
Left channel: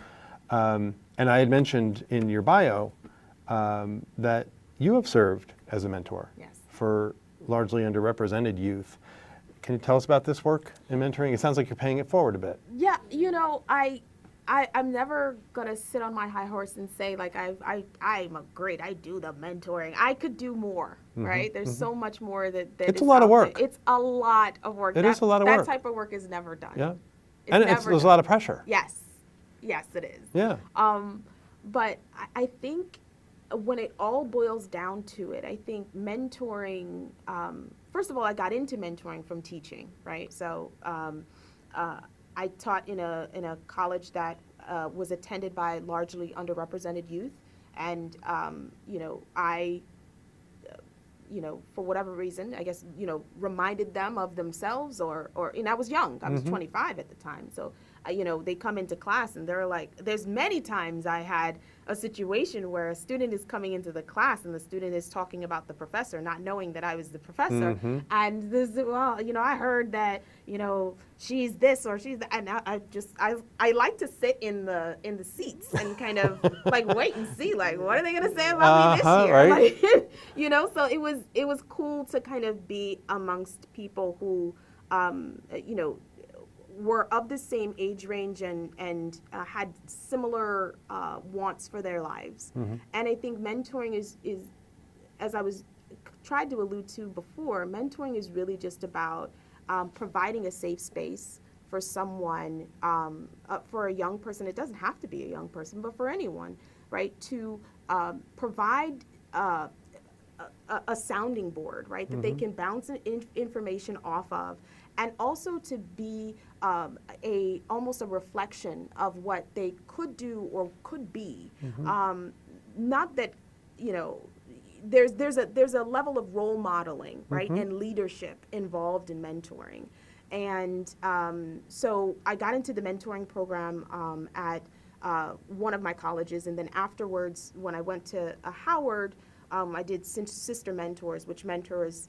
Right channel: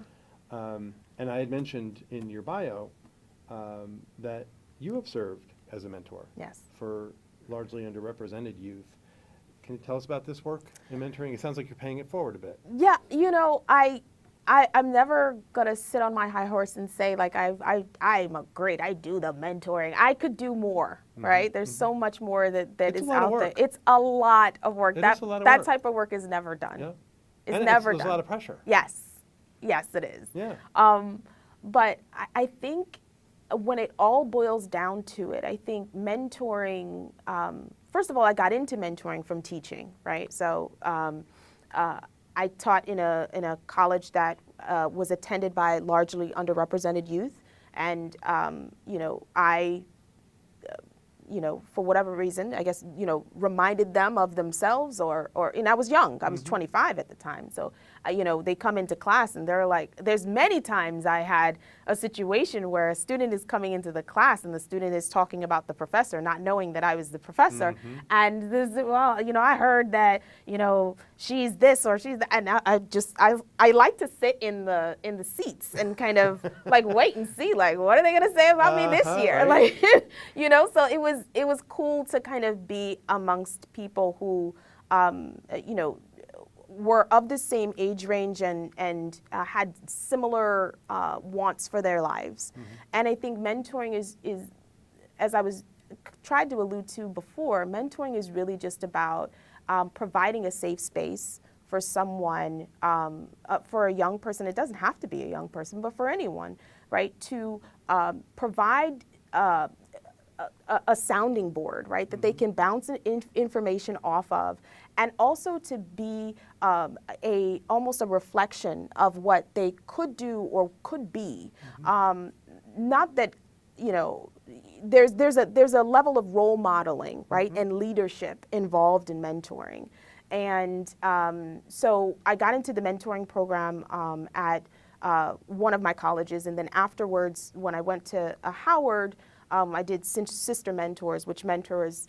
And I had mentioned in your bio that you have served as a mentor for largely underrepresented youth. Can you tell us about this work in mentoring? It sounds like you're paying it forward a bit. Yeah, I'm never gonna sit on my high horse and say like I'm great. I do the mentoring. I could do more, right? There's so much more that it's a lot of work. It's a lot of work. It is a lot of work. That type of work is never done. Yeah, There's a lot of pressure. Yes, it is. Yeah. But I think when it all boils down to it, I think mentoring, first of all, I got into mentoring from teaching, right? So I taught in a college that was attended by largely underrepresented youth. And, for whatever reason, I guess, reminded them of themselves and I was young. I was 25 at the time. So, they come into class and they're like, there's many times I had a situation where a student is coming into the class and the student is talking about the professor, not knowing that I was the professor. And this, I heard that, she's this or she's that. And I like to sit in the seats and kind of like wait and see, like, what are they going to say about me this year? Right. Like, so it was cool to kind of be amongst people who, were of the same age range and had similar wants for their lives. And I think mentoring is, as I was tried to allude to before, mentoring is really just about providing a safe space for someone, for a young person. It doesn't have to be a young person, but for anyone, right? To provide a sounding board, right, that they can bounce information off of, and also to be almost a reflection of what they could do or could be. Not that, there's a level of role modeling, right, and leadership involved in mentoring. And so I got into the mentoring program at one of my colleges, and then afterwards, when I went to Howard, I did Sister Mentors, which mentors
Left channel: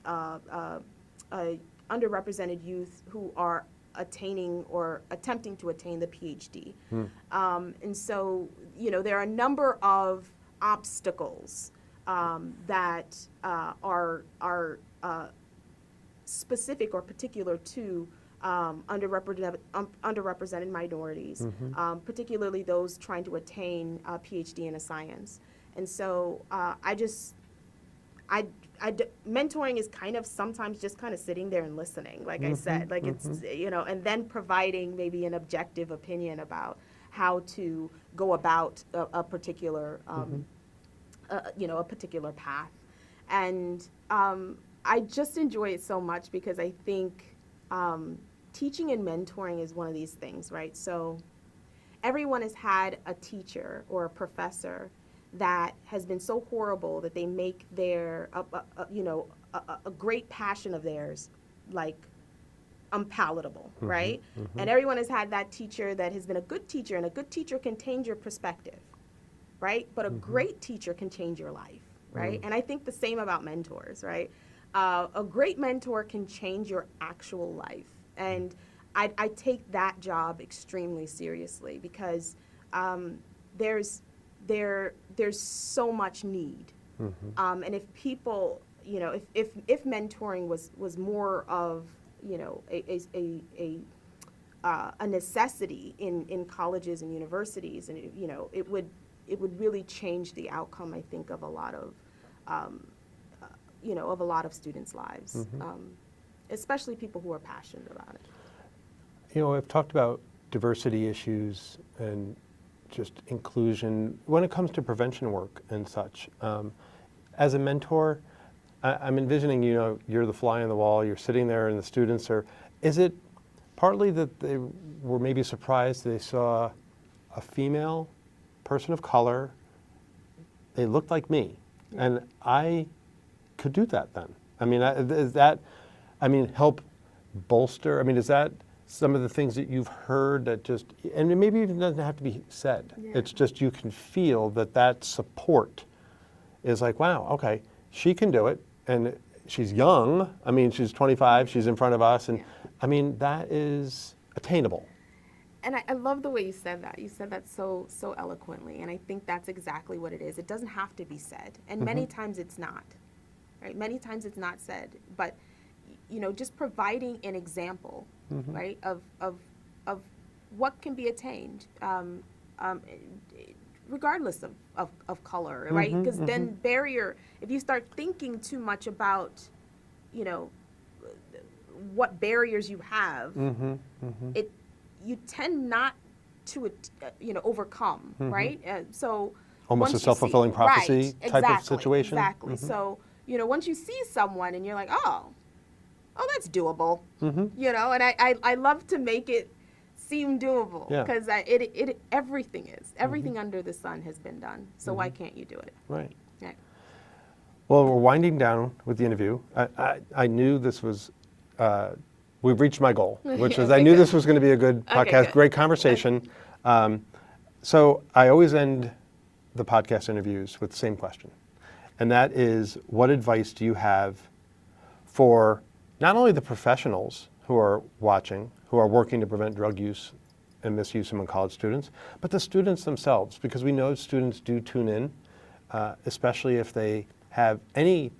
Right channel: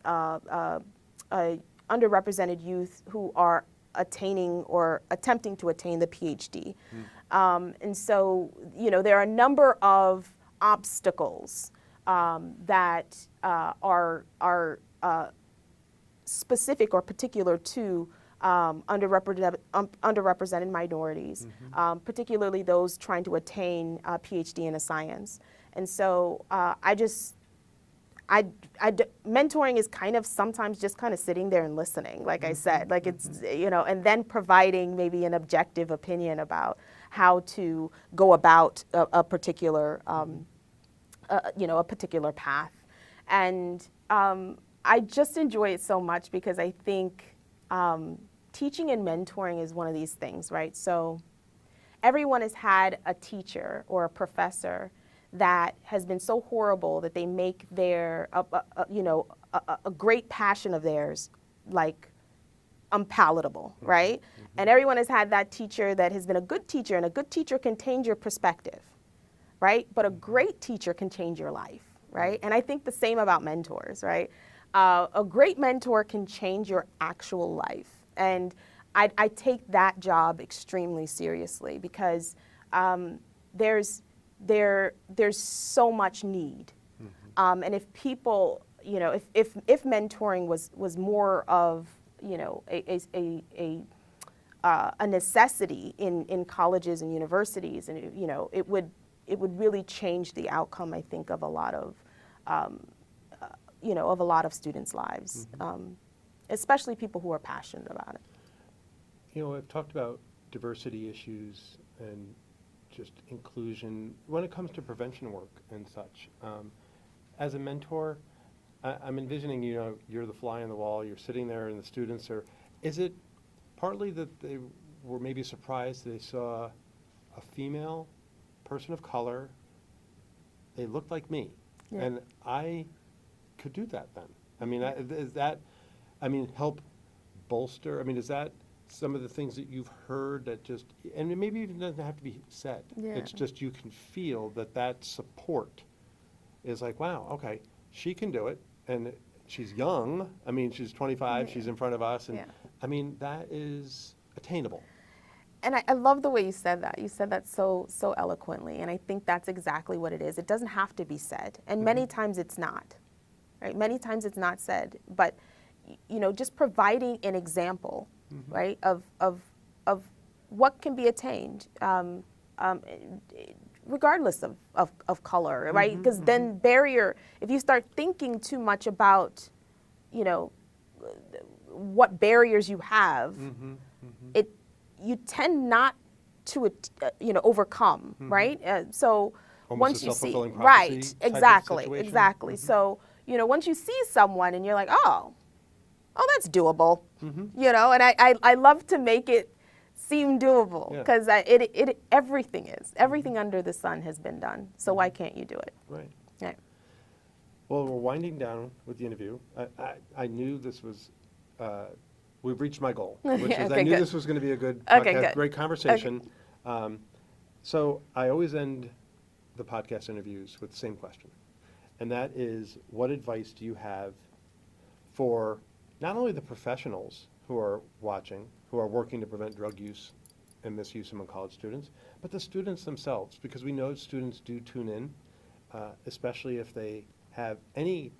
underrepresented youth who are attaining or attempting to attain the PhD. And so, there are a number of obstacles that are specific or particular to underrepresented minorities, particularly those trying to attain a PhD in a science. And so mentoring is kind of sometimes just kind of sitting there and listening, like I said, like it's, and then providing maybe an objective opinion about how to go about a particular, a particular path. And I just enjoy it so much because I think teaching and mentoring is one of these things, right? So everyone has had a teacher or a professor that has been so horrible that they make their, a great passion of theirs, like, unpalatable, right? And everyone has had that teacher that has been a good teacher, and a good teacher can change your perspective, right? But a great teacher can change your life, right? And I think the same about mentors, right? A great mentor can change your actual life. And I take that job extremely seriously because there's so much need. And if people, if mentoring was more of, a necessity in colleges and universities, and it would really change the outcome, I think, of a lot of students' lives, especially people who are passionate about it. I've talked about diversity issues and just inclusion when it comes to prevention work and such. As a mentor, I'm envisioning, you're the fly on the wall, you're sitting there and the students are, is it partly that they were maybe surprised they saw a female person of color, they looked like me, and I could do that then? I mean, is that, help bolster, is that some of the things that you've heard that just, and it maybe even doesn't have to be said, it's just you can feel that support is like, wow, okay, she can do it, and she's young, she's 25, she's in front of us, and that is attainable. And I love the way you said that. You said that so eloquently, and I think that's exactly what it is. It doesn't have to be said, and many times it's not, right? Many times it's not said, but just providing an example, right, of what can be attained, regardless of color, right? Because then barrier, if you start thinking too much about, what barriers you have, you tend not to, overcome, right? So Almost once a you see- self-fulfilling prophecy right, type exactly, of situation? Exactly. So, once you see someone and you're like, oh, that's doable, and I love to make it seem doable Yeah. because everything under the sun has been done. So why can't you do it? Right. Right. Well, we're winding down with the interview. I knew this was, we've reached my goal, which is I Okay, knew good. this was going to be a good Okay, podcast, good. great conversation. So I always end the podcast interviews with the same question. And that is, what advice do you have for not only the professionals who are watching, who are working to prevent drug use and misuse among college students, but the students themselves? Because we know students do tune in, especially if they have any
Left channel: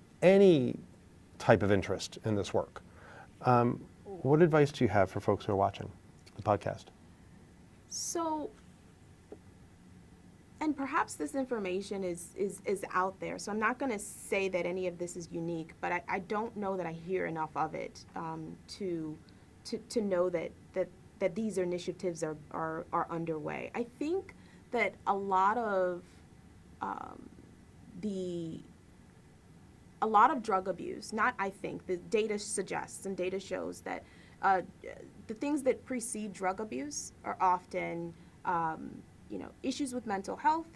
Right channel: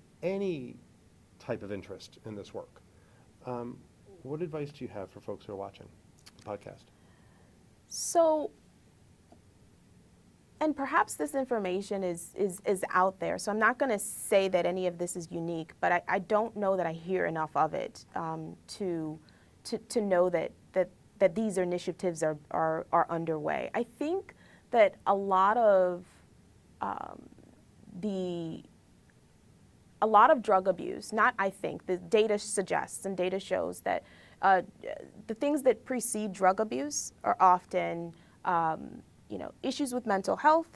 type of interest in this work. What advice do you have for folks who are watching the podcast? So, and perhaps this information is out there. So I'm not going to say that any of this is unique, but I don't know that I hear enough of it to know that these initiatives are underway. I think that a lot of drug abuse, not I think, the data suggests and data shows that the things that precede drug abuse are often issues with mental health,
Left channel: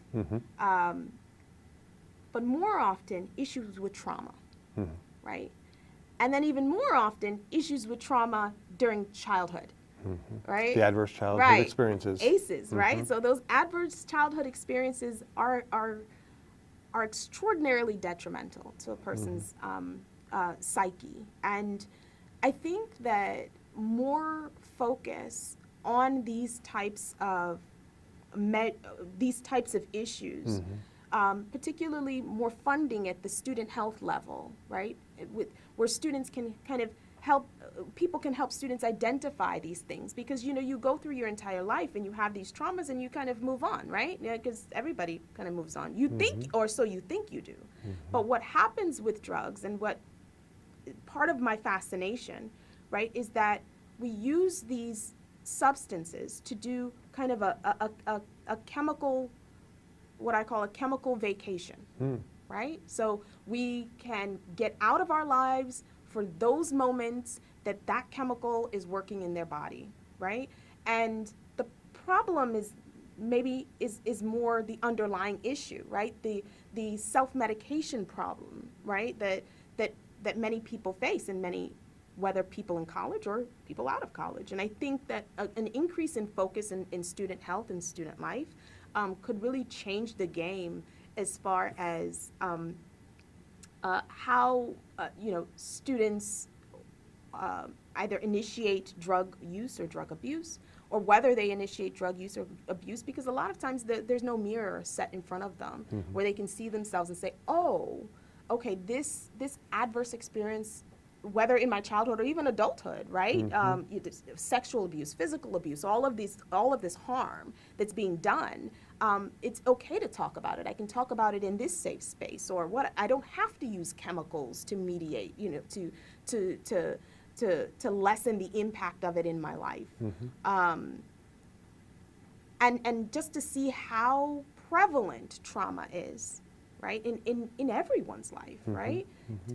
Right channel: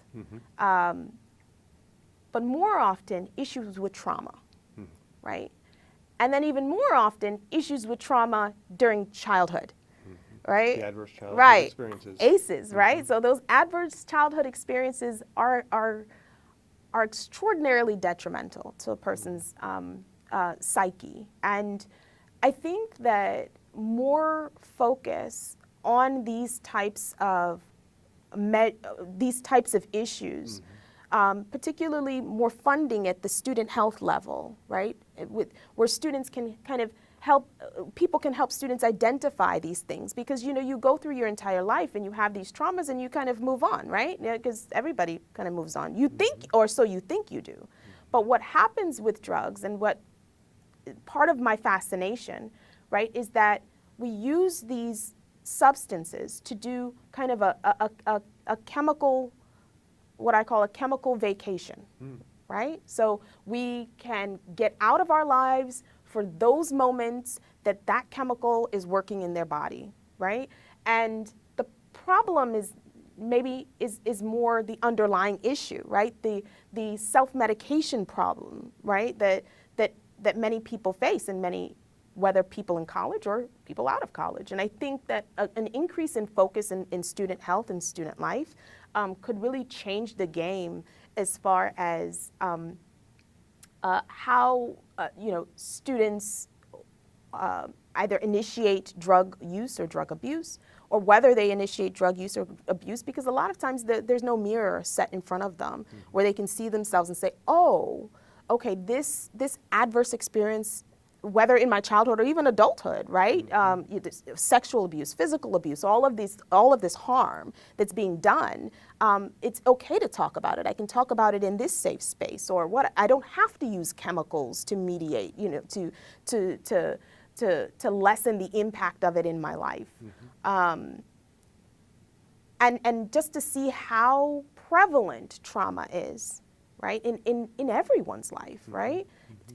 but more often issues with trauma, right? And then even more often issues with trauma during childhood, right? The adverse childhood right. experiences. ACEs, right? So those adverse childhood experiences are extraordinarily detrimental to a person's psyche. And I think that more focus on these types of issues, particularly more funding at the student health level, right? Where students can kind of help, people can help students identify these things, because you go through your entire life and you have these traumas and you kind of move on, right? Because everybody kind of moves on. You think, or so you think you do. But what happens with drugs, and what part of my fascination, right, is that we use these substances to do kind of a chemical, what I call a chemical vacation, right? So we can get out of our lives for those moments that chemical is working in their body, right? And the problem is maybe is more the underlying issue, right? The self-medication problem, right? That many people face, and whether people in college or people out of college. And I think that an increase in focus in student health and student life could really change the game as far as how students either initiate drug use or drug abuse, or whether they initiate drug use or abuse, because a lot of times there's no mirror set in front of them where they can see themselves and say, oh, okay, this adverse experience, whether in my childhood or even adulthood, right? Sexual abuse, physical abuse, all of this harm that's being done. It's okay to talk about it. I can talk about it in this safe space, or what? I don't have to use chemicals to mediate, to lessen the impact of it in my life. And just to see how prevalent trauma is, right, in everyone's life, right?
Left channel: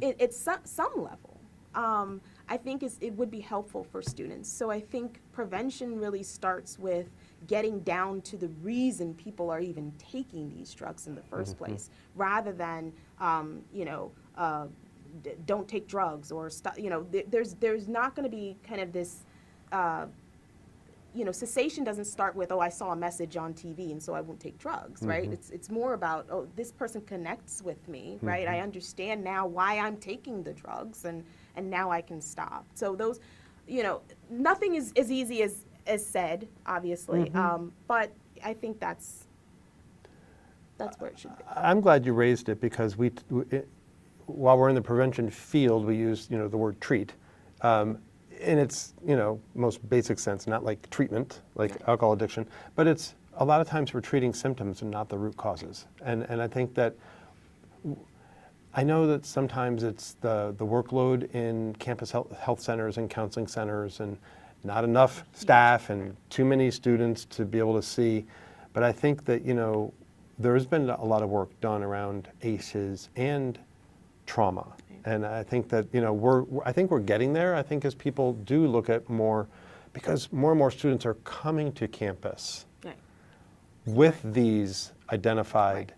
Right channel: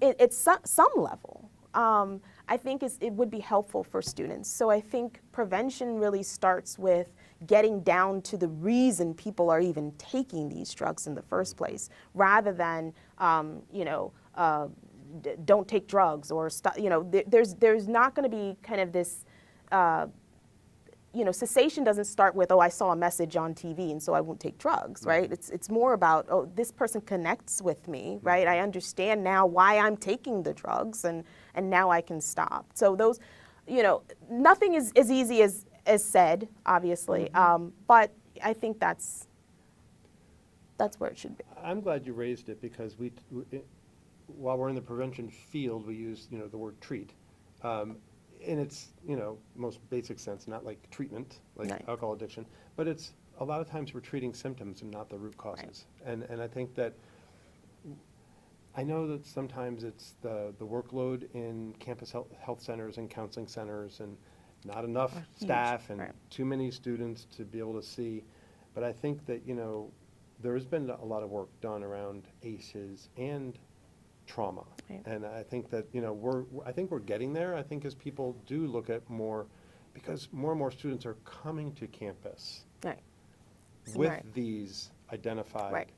It's some level. I think it would be helpful for students. So I think prevention really starts with getting down to the reason people are even taking these drugs in the first place, rather than, don't take drugs, or there's not going to be kind of this, cessation doesn't start with, oh, I saw a message on TV and so I won't take drugs, right? It's more about, oh, this person connects with me, right? I understand now why I'm taking the drugs, and now I can stop. So those, nothing is as easy as said, obviously, but I think that's where it should be. I'm glad you raised it, because while we're in the prevention field, we use the word treat. In its most basic sense, not like treatment, like alcohol addiction, but it's a lot of times we're treating symptoms and not the root causes. And I think that, I know that sometimes it's the workload in campus health centers and counseling centers, and not enough staff and too many students to be able to see. But I think that there has been a lot of work done around ACEs and trauma. Right. And I think that, I think we're getting there. I think as people do look at more, because more and more students are coming to campus Right. with Right. these identified Right.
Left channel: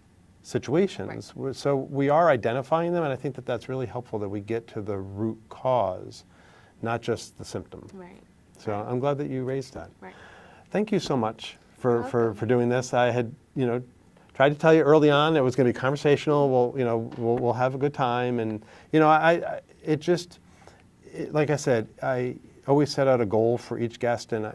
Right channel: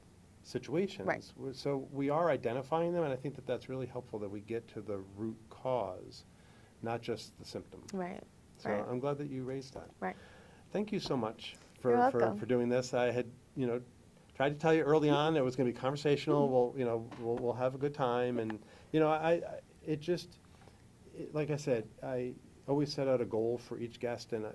situations. So we are identifying them, and I think that that's really helpful that we get to the root cause, not just the symptom. Right. So Right. I'm glad that you raised that. Right. Thank you so much You're for welcome. doing this. I had, tried to tell you early on it was going to be conversational. We'll have a good time, and like I said, I always set out a goal for each guest, and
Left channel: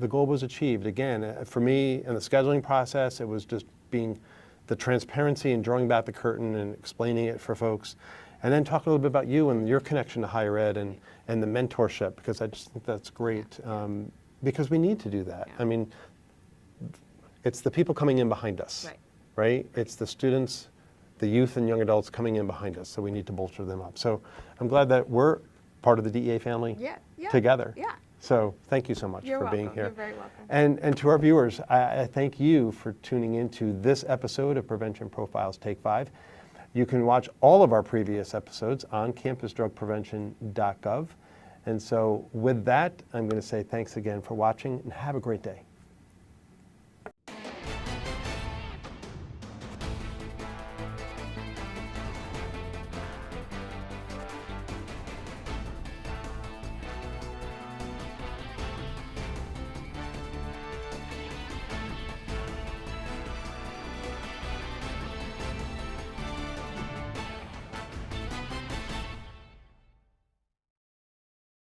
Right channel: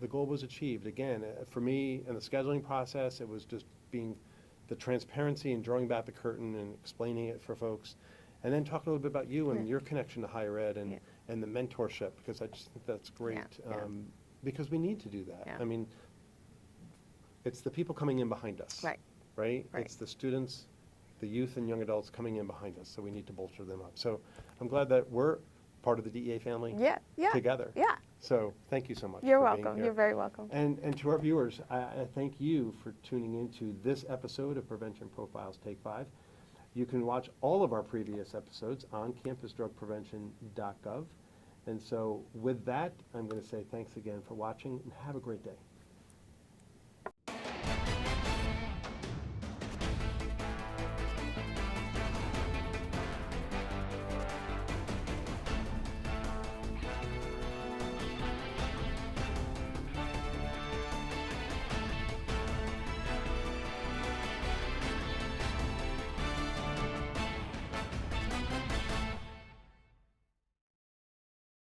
the goal was achieved. Again, for me in the scheduling process, it was just being the transparency and drawing back the curtain and explaining it for folks, and then talk a little bit about you and your connection to higher ed and the mentorship, because I just think that's great. Because we need to do that. Yeah. I mean, it's the people coming in behind us, Right. right? It's the students, the youth and young adults coming in behind us, so we need to bolster them up. So I'm glad that we're part of the DEA family together. Yeah. So thank you so much You're for welcome. being here. You're very welcome. And to our viewers, I thank you for tuning into this episode of Prevention Profiles Take 5. You can watch all of our previous episodes on campusdrugprevention.gov. And so with that, I'm going to say thanks again for watching, and have a great day.